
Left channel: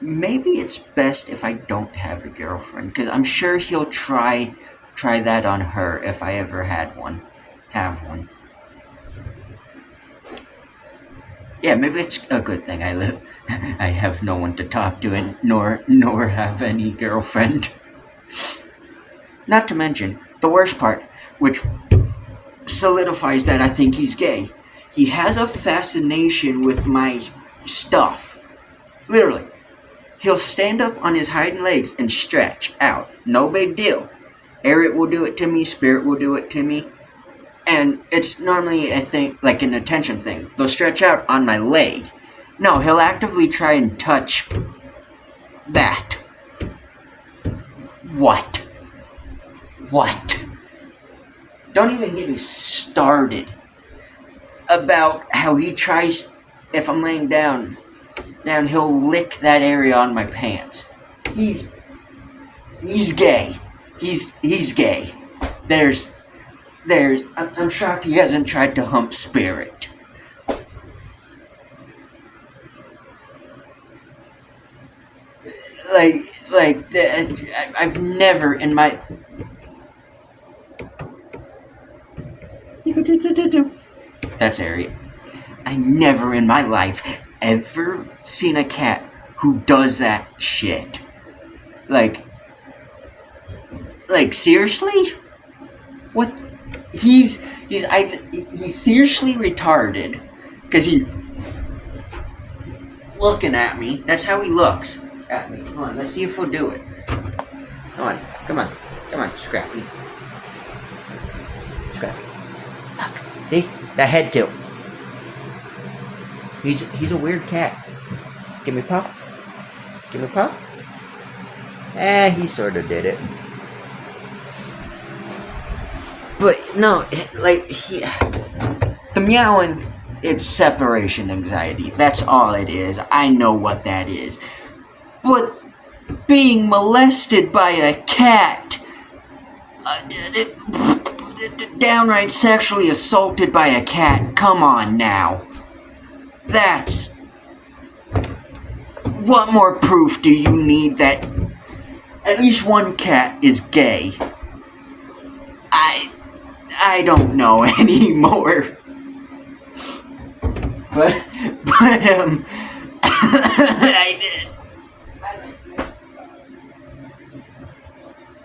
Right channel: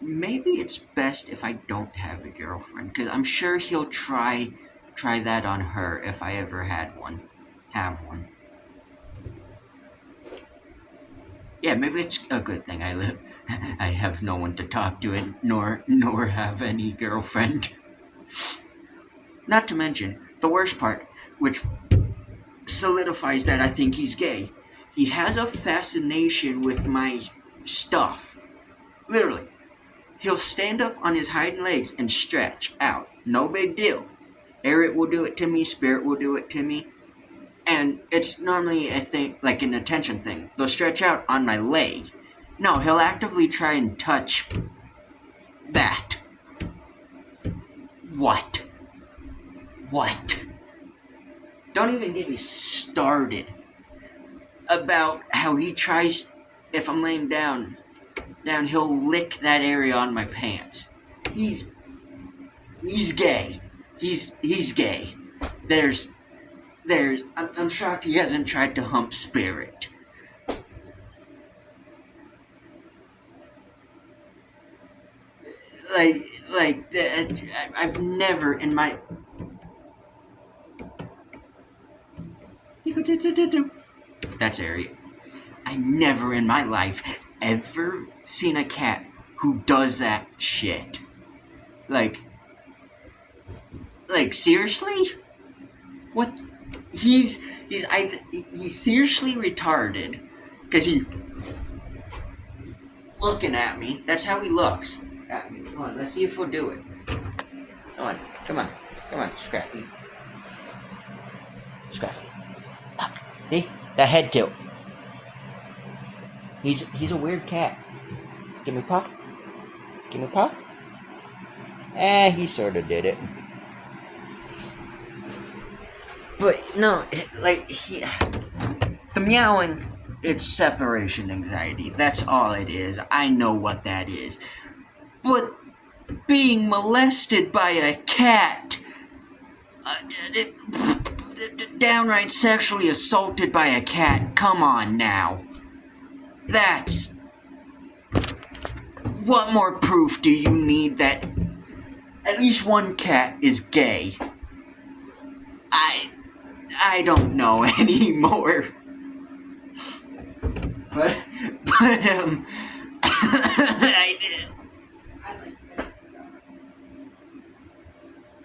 Maybe it's best if I don't have a girlfriend, because I'm sure he'll try that on her if I ever have one. Yeah, maybe it's a good thing I have no one to talk to, and nor have any girlfriend. Not to mention, the worst part, which solidifies that I think he's gay, he has a fascination with my stuff. Literally. He'll stand up on his hind legs and stretch out. No big deal. Eric will do it to me. Spirit will do it to me. And it's normally, I think, like an attention thing. They'll stretch out on my leg. No, he'll actively try and touch that. What? Don't even get me started about how he tries, if I'm laying down, he'll lick that area on my pants. He's gay. He's gay. I'm shocked he hasn't tried to hump Spirit. I've never in my... That's Harriet. I never in my life ever seen a cat who does that shit. Like seriously? What? He's seriously retarded. Cause he looking at me. That's how he looks. Got me. Come on, let's see if he'll do it. Come on, Scrappy. Scrappy. Look, see? That head tilt. He's a weird cat. Give me pop. Give me pop. He sort of did it. But no, the meowing, it's separation anxiety. That's all it is. I know what that is. But being molested by a cat, downright sexually assaulted by a cat, come on now. That's... What more proof do you need that at least one cat is gay? I don't know anymore. But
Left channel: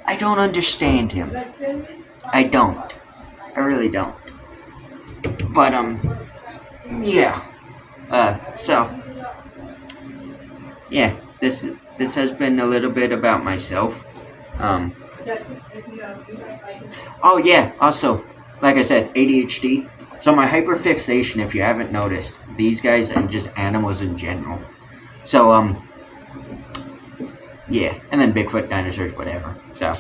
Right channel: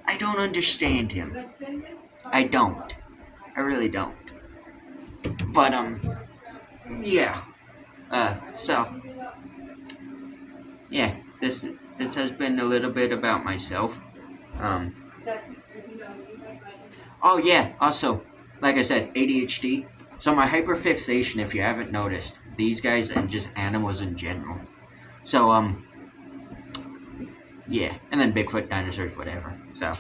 I don't understand him. I don't. I really don't. But yeah. So yeah, this has been a little bit about myself. Oh yeah, also, like I said, ADHD. So my hyperfixation, if you haven't noticed, these guys and just animals in general. So yeah, and then Bigfoot, dinosaurs, whatever. So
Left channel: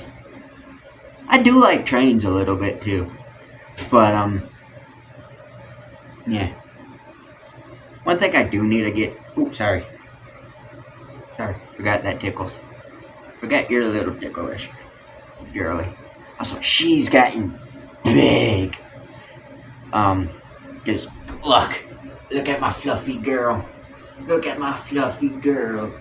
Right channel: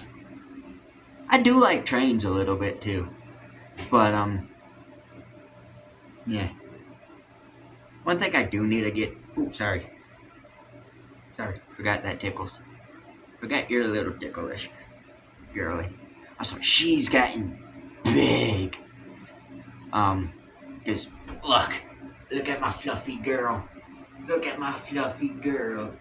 I do like trains a little bit too. But yeah. One thing I do need to get... Ooh, sorry, forgot that tickles. Forgot you're a little ticklish, girly. Also, she's gotten big. Cause look at my fluffy girl. Look at my fluffy girl.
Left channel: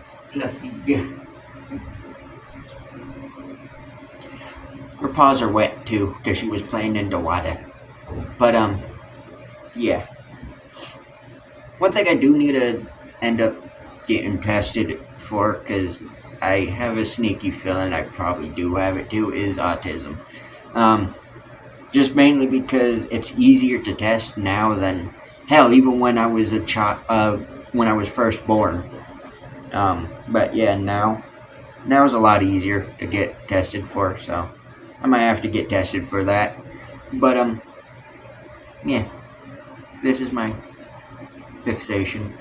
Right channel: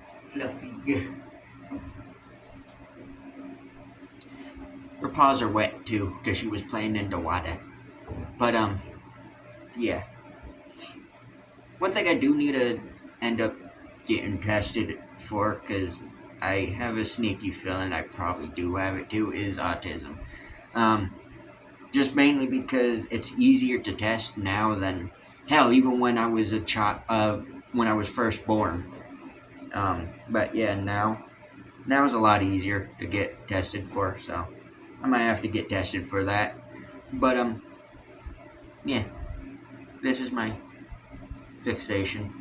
Her paws are wet too, cause she was playing in the water. But yeah. One thing I do need to end up getting tested for, cause I have a sneaky feeling I probably do have it too, is autism. Just mainly because it's easier to test now than, hell, even when I was a child, when I was first born. But yeah, now it's a lot easier to get tested for, so I might have to get tested for that. But yeah, this is my fixation.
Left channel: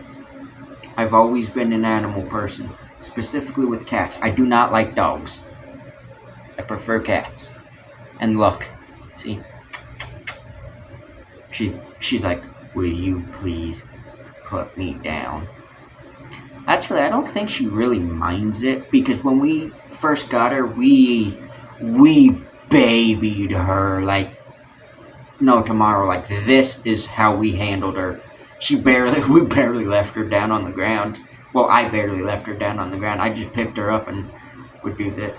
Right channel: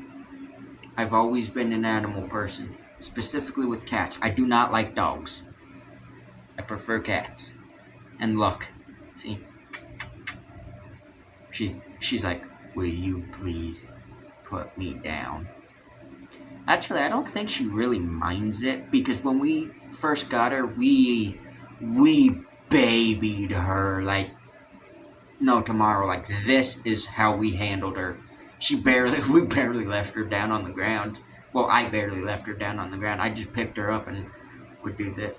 I've always been an animal person, specifically with cats. I do not like dogs. I prefer cats. And look, see? She's like, will you please put me down? Actually, I don't think she really minds it, because when we first got her, we babied her like no tomorrow. Like, this is how we handled her. We barely left her down on the ground. Well, I barely left her down on the ground. I just picked her up and would do that.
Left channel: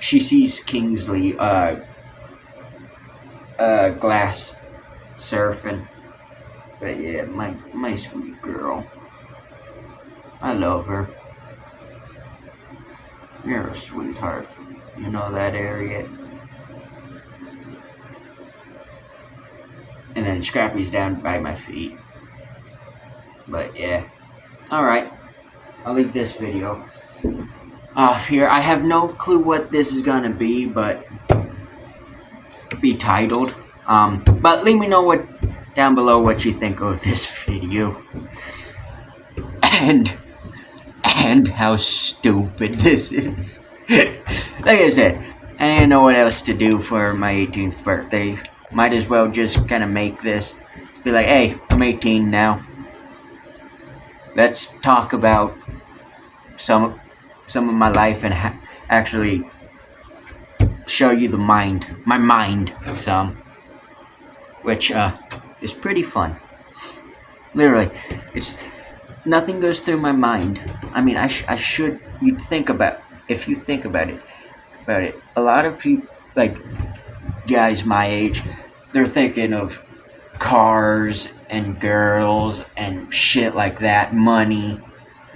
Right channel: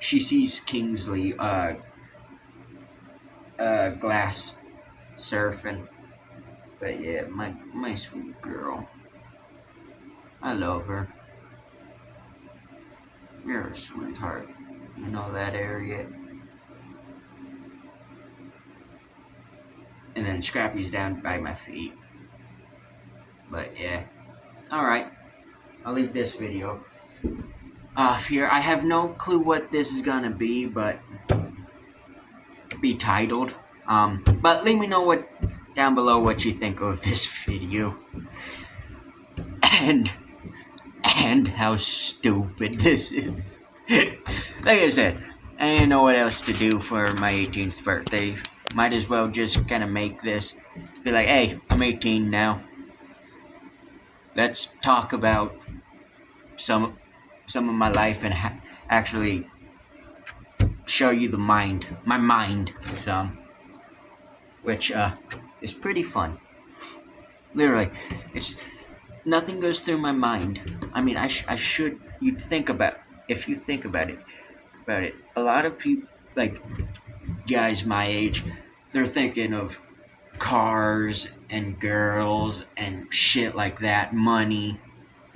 She sees Kingsley, glass surfing. But yeah, my sweet girl. I love her. You're a sweetheart. You know that, Harriet? And then Scrappy's down by my feet. But yeah. Alright. I'll leave this video off here. I have no clue what this is gonna be, but be titled. But leave me know down below what you think of this video. And how stupid this is. Like I said, I didn't know what else to do for my 18th birthday. Might as well just kind of make this. Be like, hey, I'm 18 now. Let's talk about some of my life and actually show you my mind some. Which is pretty fun. Literally, nothing goes through my mind. I mean, you'd think about, if you think about it, a lot of people, like guys my age, they're thinking of cars and girls and shit like that, money.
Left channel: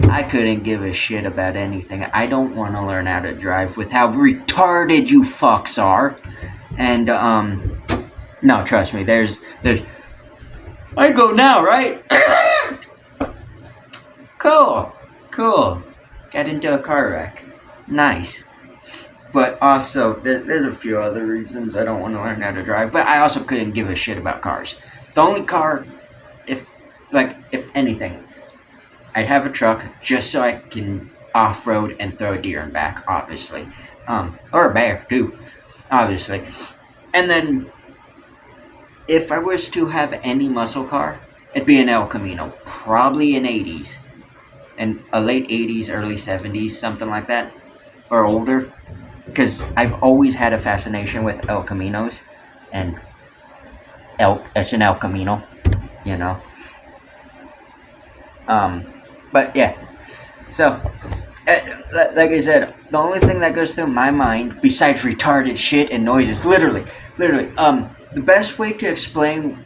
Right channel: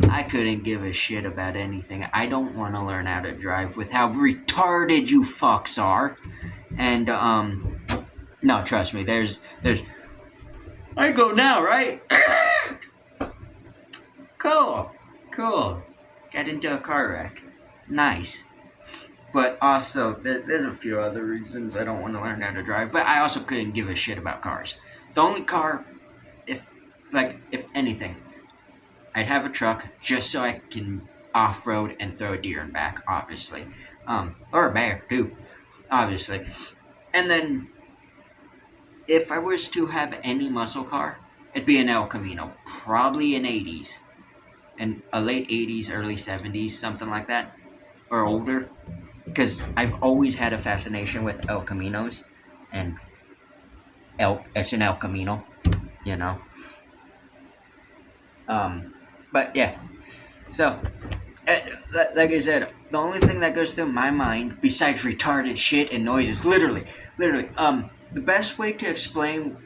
I couldn't give a shit about anything. I don't want to learn how to drive with how retarded you fucks are. And no, trust me, there's I go now, right? Cool. Cool. Got into a car wreck. Nice. But also, there's a few other reasons I don't want to learn how to drive. But I also couldn't give a shit about cars. The only car, if anything, I'd have a truck just so I can off-road and throw a deer in back, obviously. Or a bear, too, obviously. And then, if I was to have any muscle car, it'd be an El Camino. Probably an 80s. And a late 80s, early 70s, something like that. Or older. Because I've always had a fascination with El Caminos. And it's an El Camino, you know. But yeah. So, like I said, the only thing that goes through my mind, besides retarded shit and noises, literally, the best way to explain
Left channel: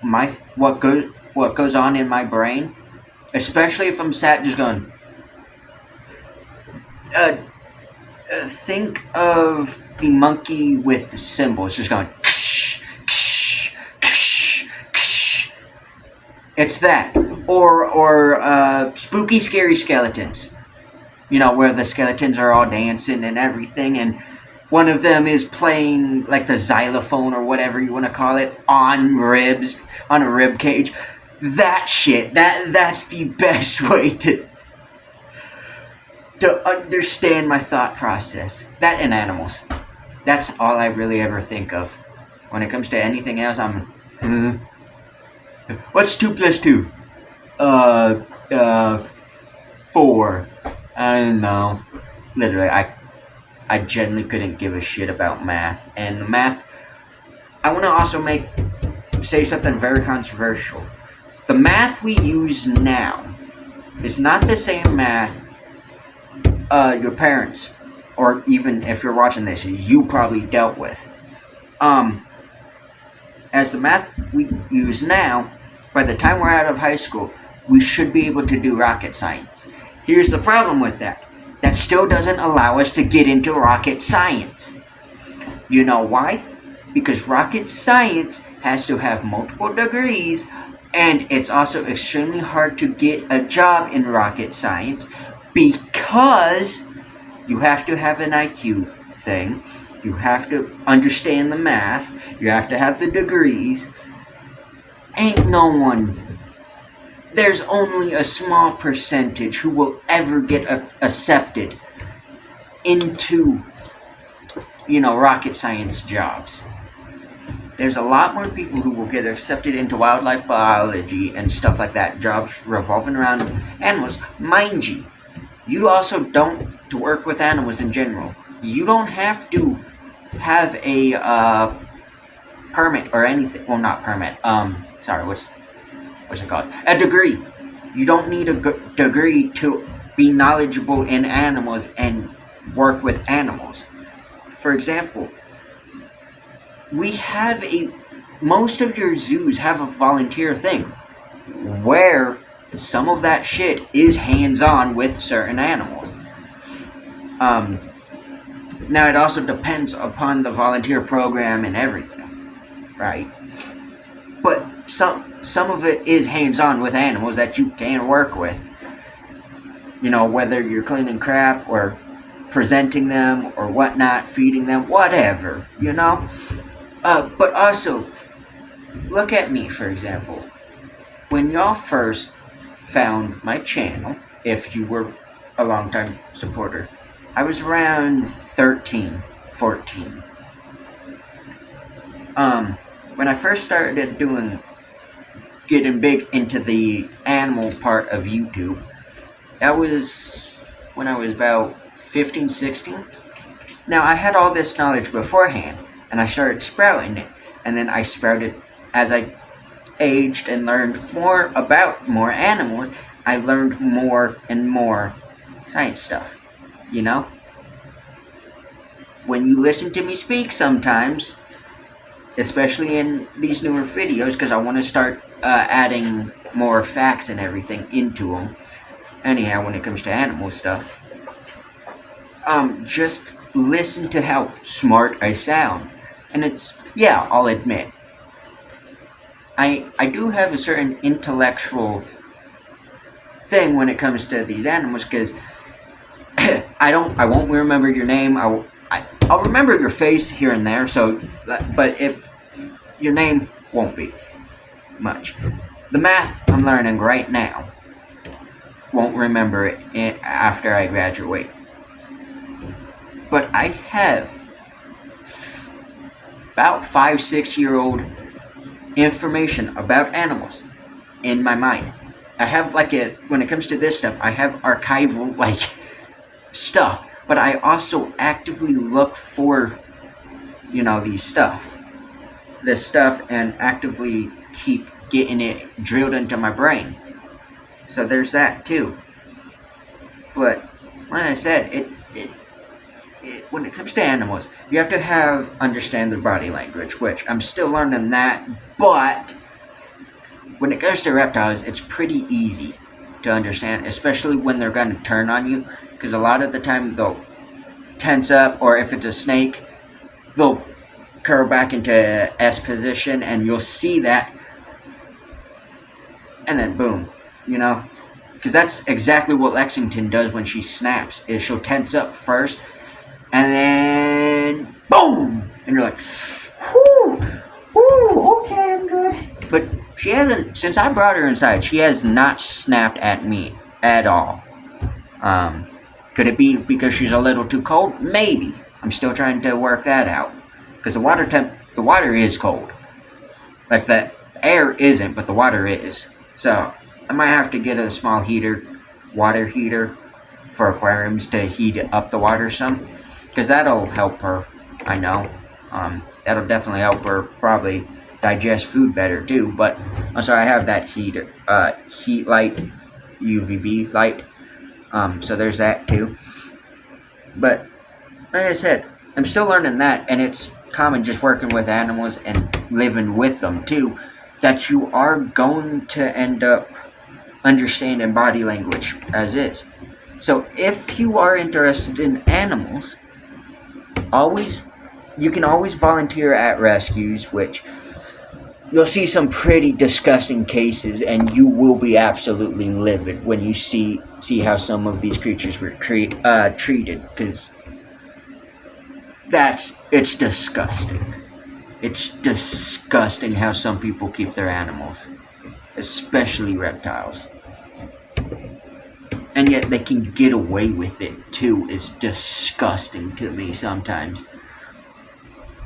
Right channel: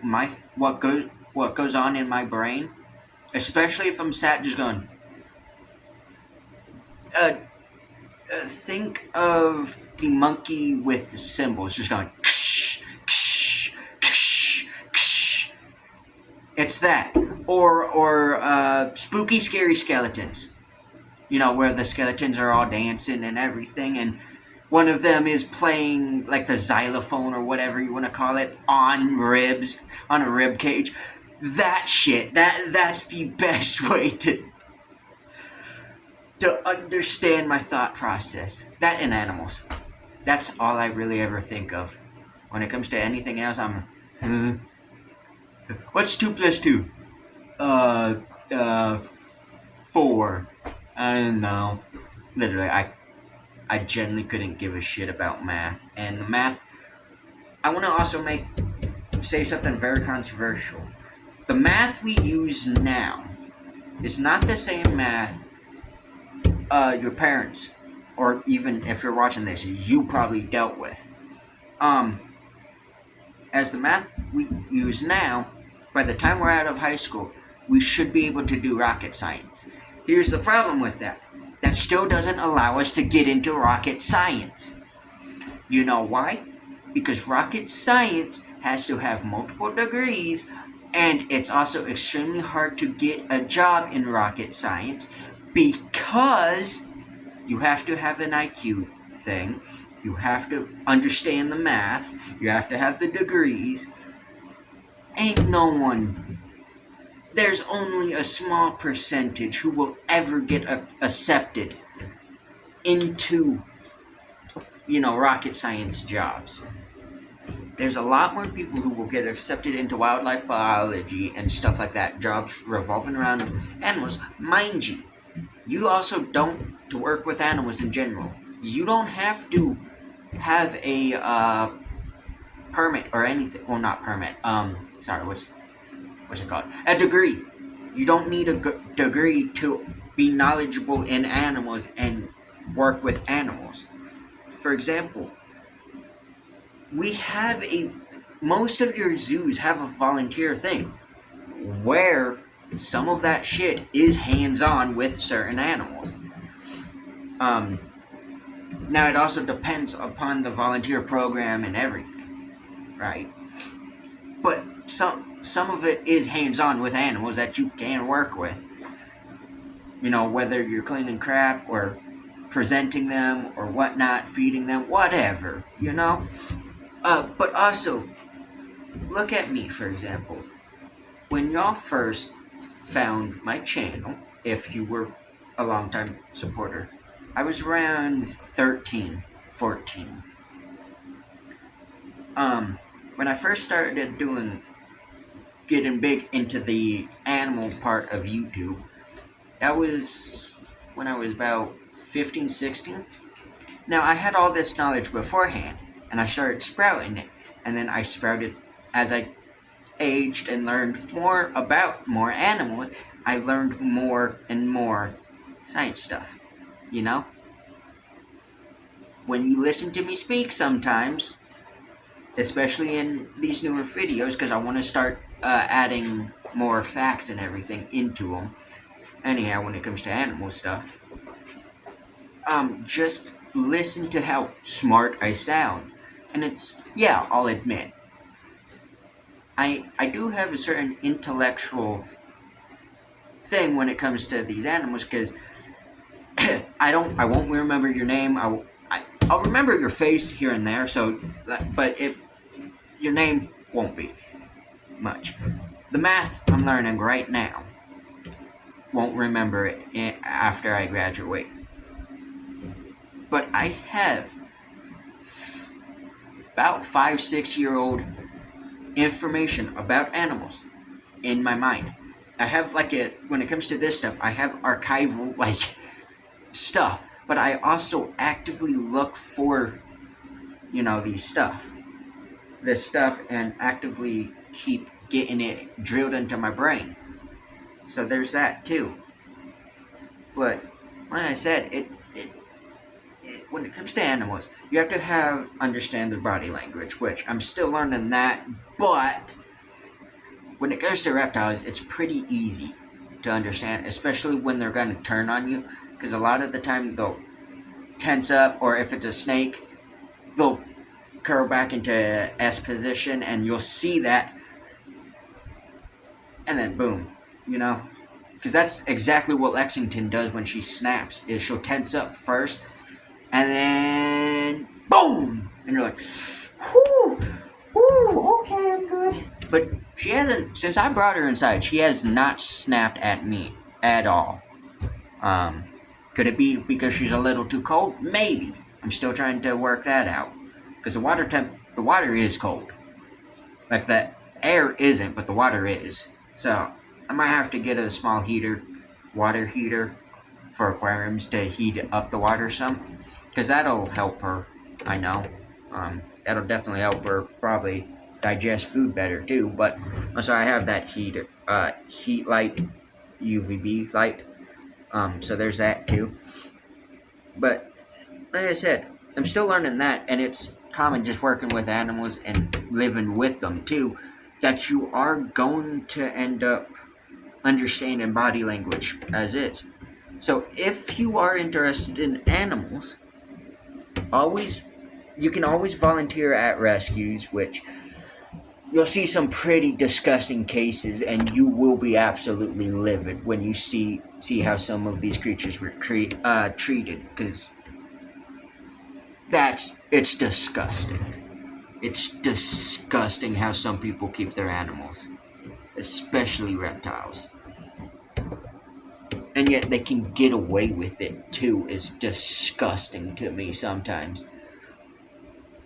what goes on in my brain, especially if I'm sat just going, think of the monkey with cymbals, just going, ksh, ksh, ksh, ksh. It's that, or spooky, scary skeletons. You know, where the skeletons are all dancing and everything, and one of them is playing like the xylophone or whatever you want to call it on a rib cage. That shit, that's the best way to understand my thought process. That and animals. That's all I really ever think of. When it comes to anything else, what's 2 plus 2? 4. I don't know. Literally, I generally couldn't give a shit about math. And the math, I want to also say something very controversial. The math we use now is not the same math your parents, or even if you're watching this, you probably dealt with. As the math we use now, by the time we're out of high school, we should be able to do rocket science. Here's the problem with that. That still doesn't allow us to get into rocket science. You know why? Because rocket science has to have multiple degrees, and it's also extremely hard to get a job in rocket science because you have to have an IQ thing, you have to understand the math, you have to have the degrees. There's only a small percentage who will ever get accepted into, rocket science jobs. There's a lot more people who will get accepted into wildlife biology and stuff like that, jobs revolving around animals. Mind you, you also don't, to work with animals in general, you don't have to have a permit or anything. Well, not permit. What's it called? A degree. You don't need a degree to be knowledgeable in animals and work with animals. For example, most of your zoos have a volunteer thing where some of that shit is hands-on with certain animals. Now it also depends upon the volunteer program and everything, right? But some of it is hands-on with animals that you can work with. Whether you're cleaning crap or presenting them or whatnot, feeding them, whatever, But also, look at me, for example. When y'all first found my channel, if you were a long-time supporter, I was around 13, 14. When I first started getting big into the animal part of YouTube, that was when I was about 15, 16. Now, I had all this knowledge beforehand, and I started sprouting it, and then I sprouted as I aged and learned more about more animals. I learned more and more science stuff, When you listen to me speak sometimes, especially in these newer videos, because I want to start adding more facts and everything into them. Anyhow, when it comes to animal stuff, just listen to how smart I sound. And I'll admit, I do have a certain intellectual thing when it comes to these animals, because I won't remember your name. I'll remember your face here and there. So, but if your name won't be much. The math I'm learning right now, won't remember it after I graduate. But I have about 5-6 year old information about animals in my mind. I have when it comes to this stuff, I have archival stuff, but I also actively look for, this stuff, and actively keep getting it drilled into my brain. So there's that too. But like I said, it when it comes to animals, you have to understand their body language, which I'm still learning that. But when it comes to reptiles, it's pretty easy to understand, especially when they're going to turn on you, because a lot of the time they'll tense up, or if it's a snake, they'll curl back into S position, and you'll see that, and then boom, because that's exactly what Lexington does when she snaps, is she'll tense up first, and then boom, and you're like, whoo, okay, I'm good. But she hasn't, since I brought her inside, she has not snapped at me at all. Could it be because she's a little too cold? Maybe. I'm still trying to work that out, because the water is cold. Like, the air isn't, but the water is. So I might have to get a small water heater for aquariums to heat up the water some, because that'll help her. I know. That'll definitely help her probably digest food better too. But also, I have that heat light, UVB light. So there's that too. But like I said, I'm still learning that, and it's common just working with animals and living with them too, that you are going to end up understanding body language as is. So if you are interested in animals, you can always volunteer at rescues, which you'll see some pretty disgusting cases, and you will be absolutely livid when you see how some of these creatures were treated, because it's disgusting. It's disgusting how some people keep their animals, especially reptiles. And yet they can get away with it too. It's disgusting to me sometimes.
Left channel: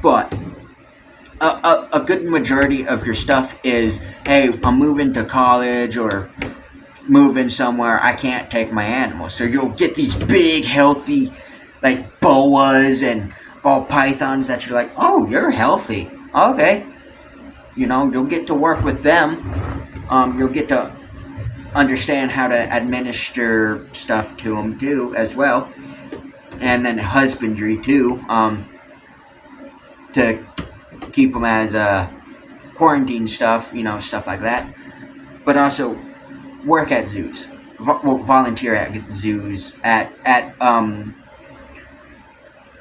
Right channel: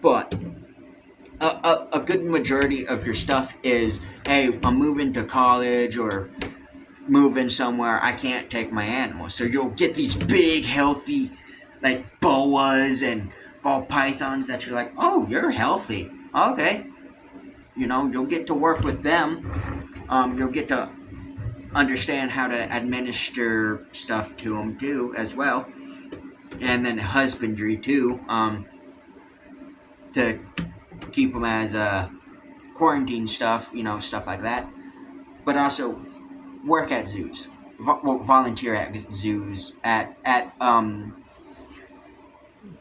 But a good majority of your stuff is, hey, I'm moving to college or moving somewhere, I can't take my animals. So you'll get these big, healthy, boas and ball pythons that you're like, oh, you're healthy. Okay. You'll get to work with them. You'll get to understand how to administer stuff to them too, as well. And then husbandry too, to keep them as quarantine stuff, stuff like that. But also work at zoos, volunteer at zoos,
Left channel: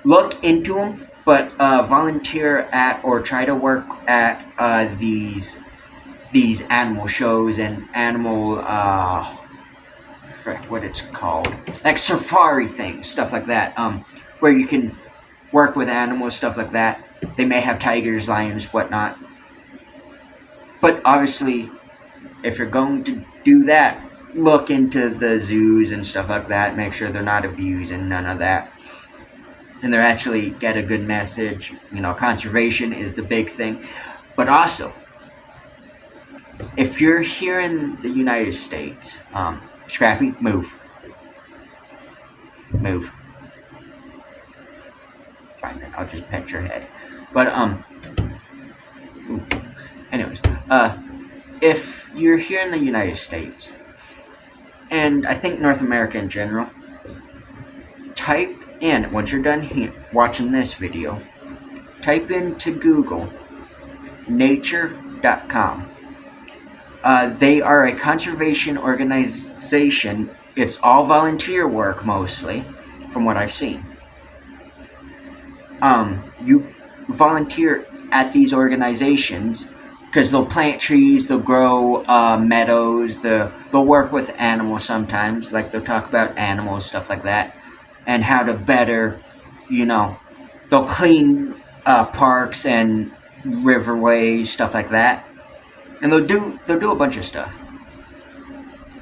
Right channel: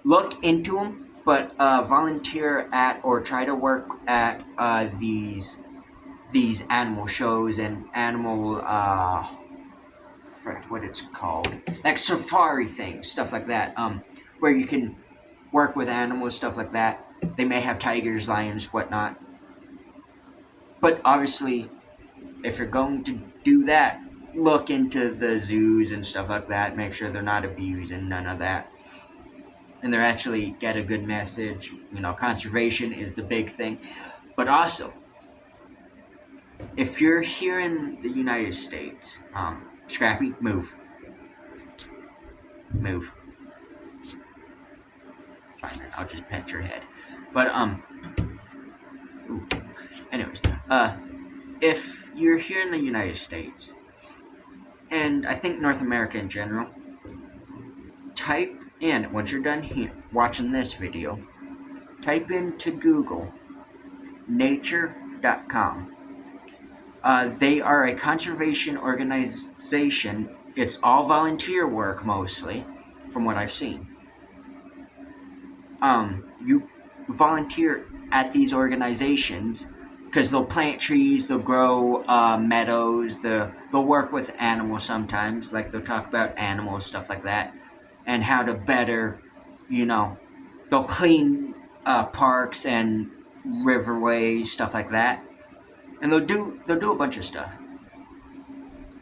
look into them, but volunteer at or try to work at these animal shows and animal what it's called, like safari things, stuff like that, where you can work with animals, stuff like that. They may have tigers, lions, whatnot. But obviously, if you're going to do that, look into the zoos and stuff like that. Make sure they're not abusing, none of that. And they actually get a good message. Conservation is the big thing. But also, if you're here in the United States, Scrappy, move. Move. Fine, I'll just pet your head. But, anyways, if you're here in the United States, and I think North America in general, type in, once you're done here watching this video, type into Google nature.com. They are a conservation organization. It's all volunteer work mostly, from what I've seen. You volunteer at these organizations because they'll plant trees, they'll grow meadows, they'll work with animals sometimes, like they'll talk about animals, stuff like that, and how to better, you know, they'll clean parks and riverways, stuff like that, and they'll do a bunch of stuff.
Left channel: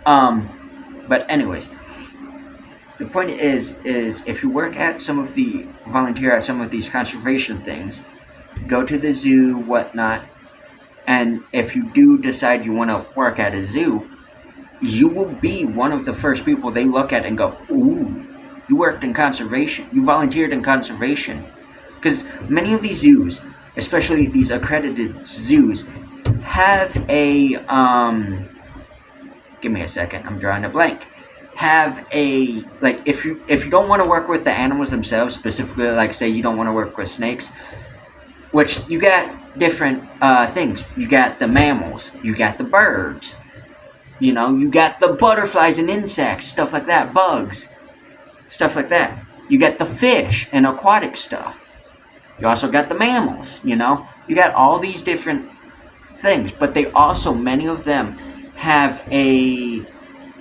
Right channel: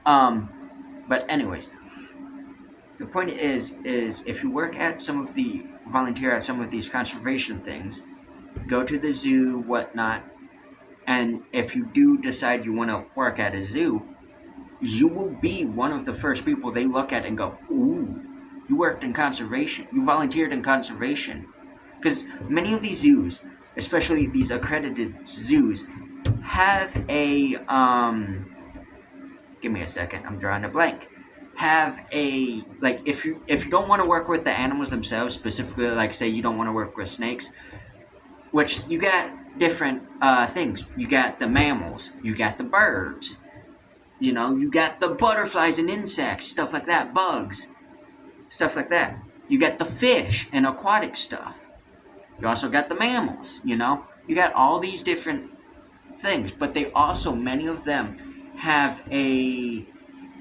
But anyways, the point is if you volunteer at some of these conservation things, go to the zoo, whatnot, and if you do decide you want to work at a zoo, you will be one of the first people they look at and go, ooh, you worked in conservation, you volunteered in conservation. Because many of these zoos, especially these accredited zoos, have a, give me a second, I'm drawing a blank. Have a, like, if you don't want to work with the animals themselves, specifically, like, say you don't want to work with snakes, which you got different things. You got the mammals, you got the birds, you know, you got the butterflies and insects, stuff like that, bugs, stuff like that. You got the fish and aquatic stuff. You also got the mammals, you know. You got all these different things, but they also, many of them, have a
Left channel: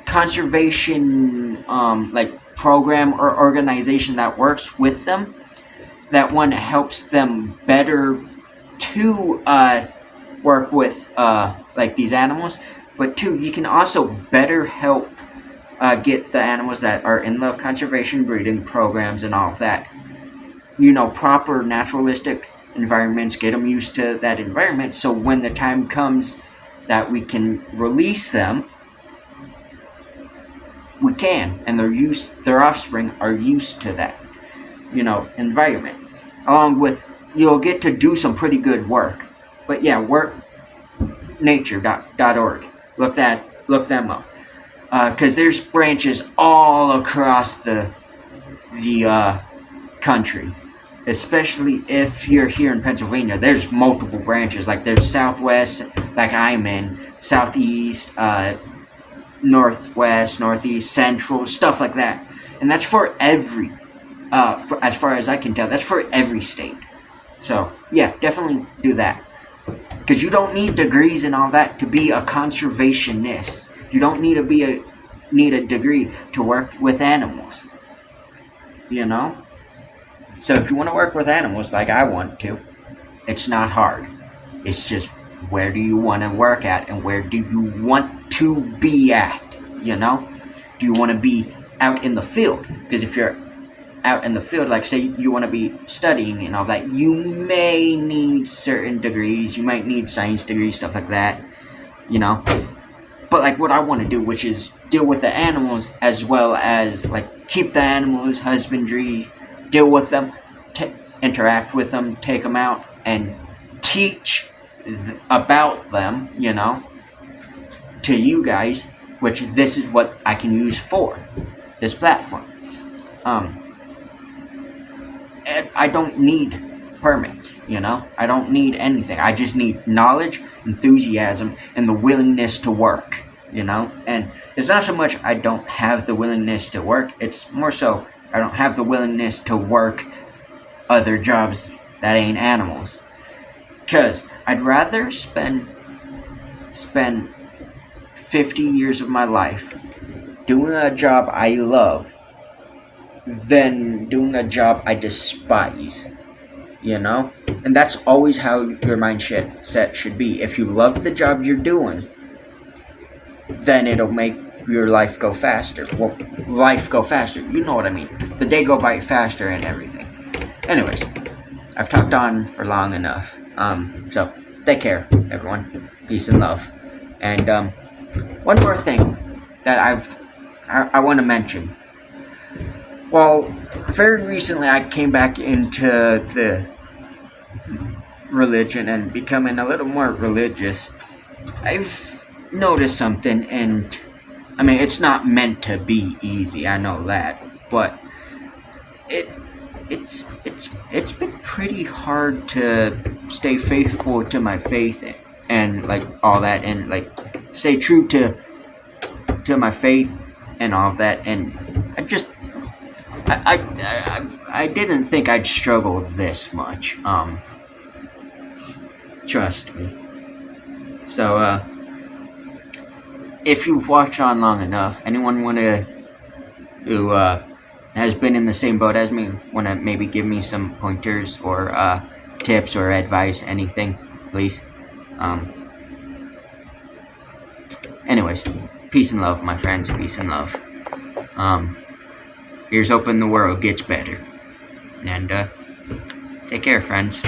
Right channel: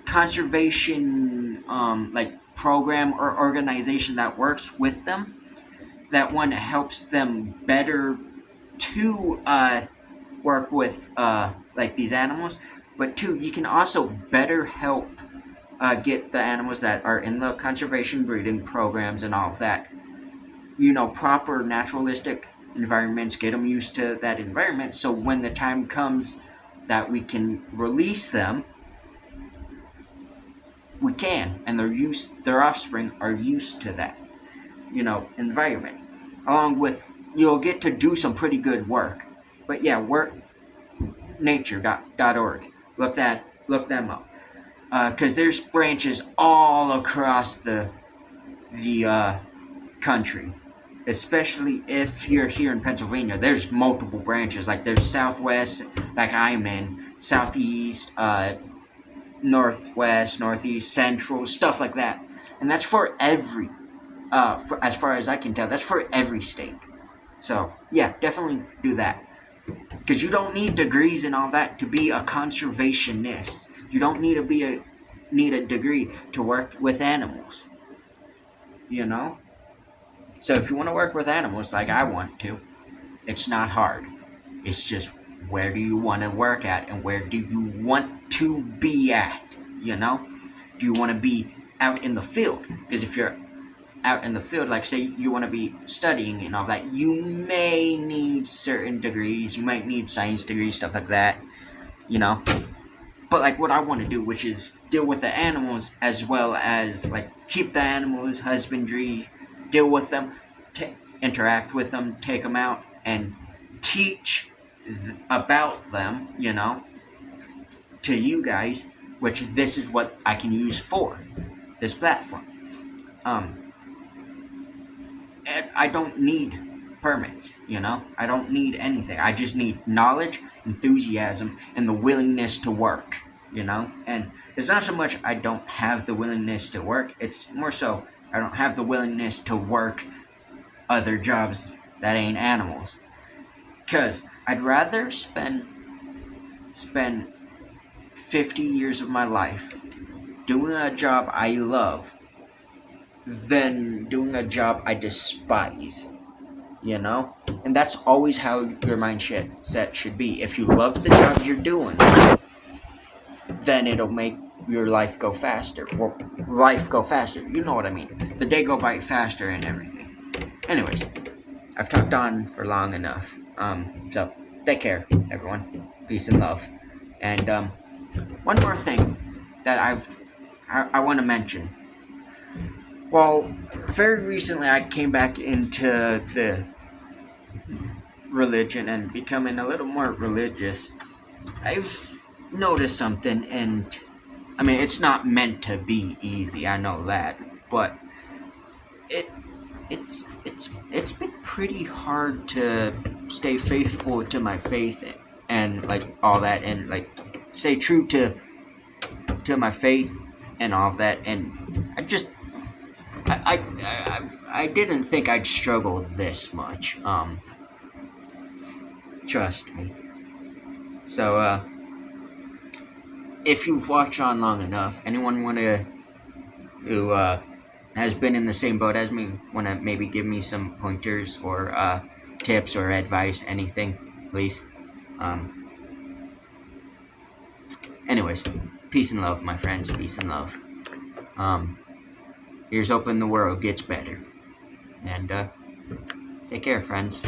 conservation like program or organization that works with them, that one helps them better to work with like these animals, but two, you can also better help get the animals that are in the conservation breeding programs and all of that, you know, proper naturalistic environments, get them used to that environment, so when the time comes that we can release them, we can, and their offspring are used to that, you know, environment. Along with, you'll get to do some pretty good work. But yeah, nature.org. Look them up. Because there's branches all across the country. Especially if you're here in Pennsylvania, there's multiple branches. Like there's Southwest, like I'm in, Southeast, Northwest, Northeast, Central, stuff like that. And that's for every, as far as I can tell, that's for every state. So, yeah, definitely do that. Because you don't need degrees and all that to be a conservationist. You don't need to need a degree to work with animals. You know? So if you want to work with animals like I want to, it's not hard. It's just, where do you want to work at and where do you want to be at, you know? Do you want to be out in the field? Because if you're out in the field, like say you want to be studying and all that, you may need certain degrees. You might need science degrees, stuff like that, you know? But like what I want to do, which is deal with the animals as well as like keep the animals, husbandry, deal with them, interact with them, take them out, and teach about them, you know, to you guys, which this is what I can use for this platform. I don't need permits, you know, I don't need anything. I just need knowledge, enthusiasm, and the willingness to work, you know. And it's not so much I don't have the willingness to work, it's more so I don't have the willingness to work other jobs that ain't animals. Because I'd rather spend 50 years of my life doing a job I love than doing a job I despise, you know? And that's always how your mindset should be. If you love the job you're doing, then it'll make your life go faster. Well, life go faster, you know what I mean. The day go by faster and everything. Anyways, I've talked on for long enough. So, take care, everyone. Peace and love. And, one more thing that I want to mention. Well, very recently I came back into the religion and becoming a little more religious. I've noticed something, and I mean, it's not meant to be easy, I know that, but it's been pretty hard to stay faithful to my faith and like all that, and like stay true to my faith and all of that. And I didn't think I'd struggle this much. Trust me. So, if you've watched on long enough, anyone who has been in the same boat as me, want to maybe give me some pointers or tips or advice, anything, please? Anyways, peace and love, my friends. Peace and love. Here's hoping the world gets better. And take care, friends.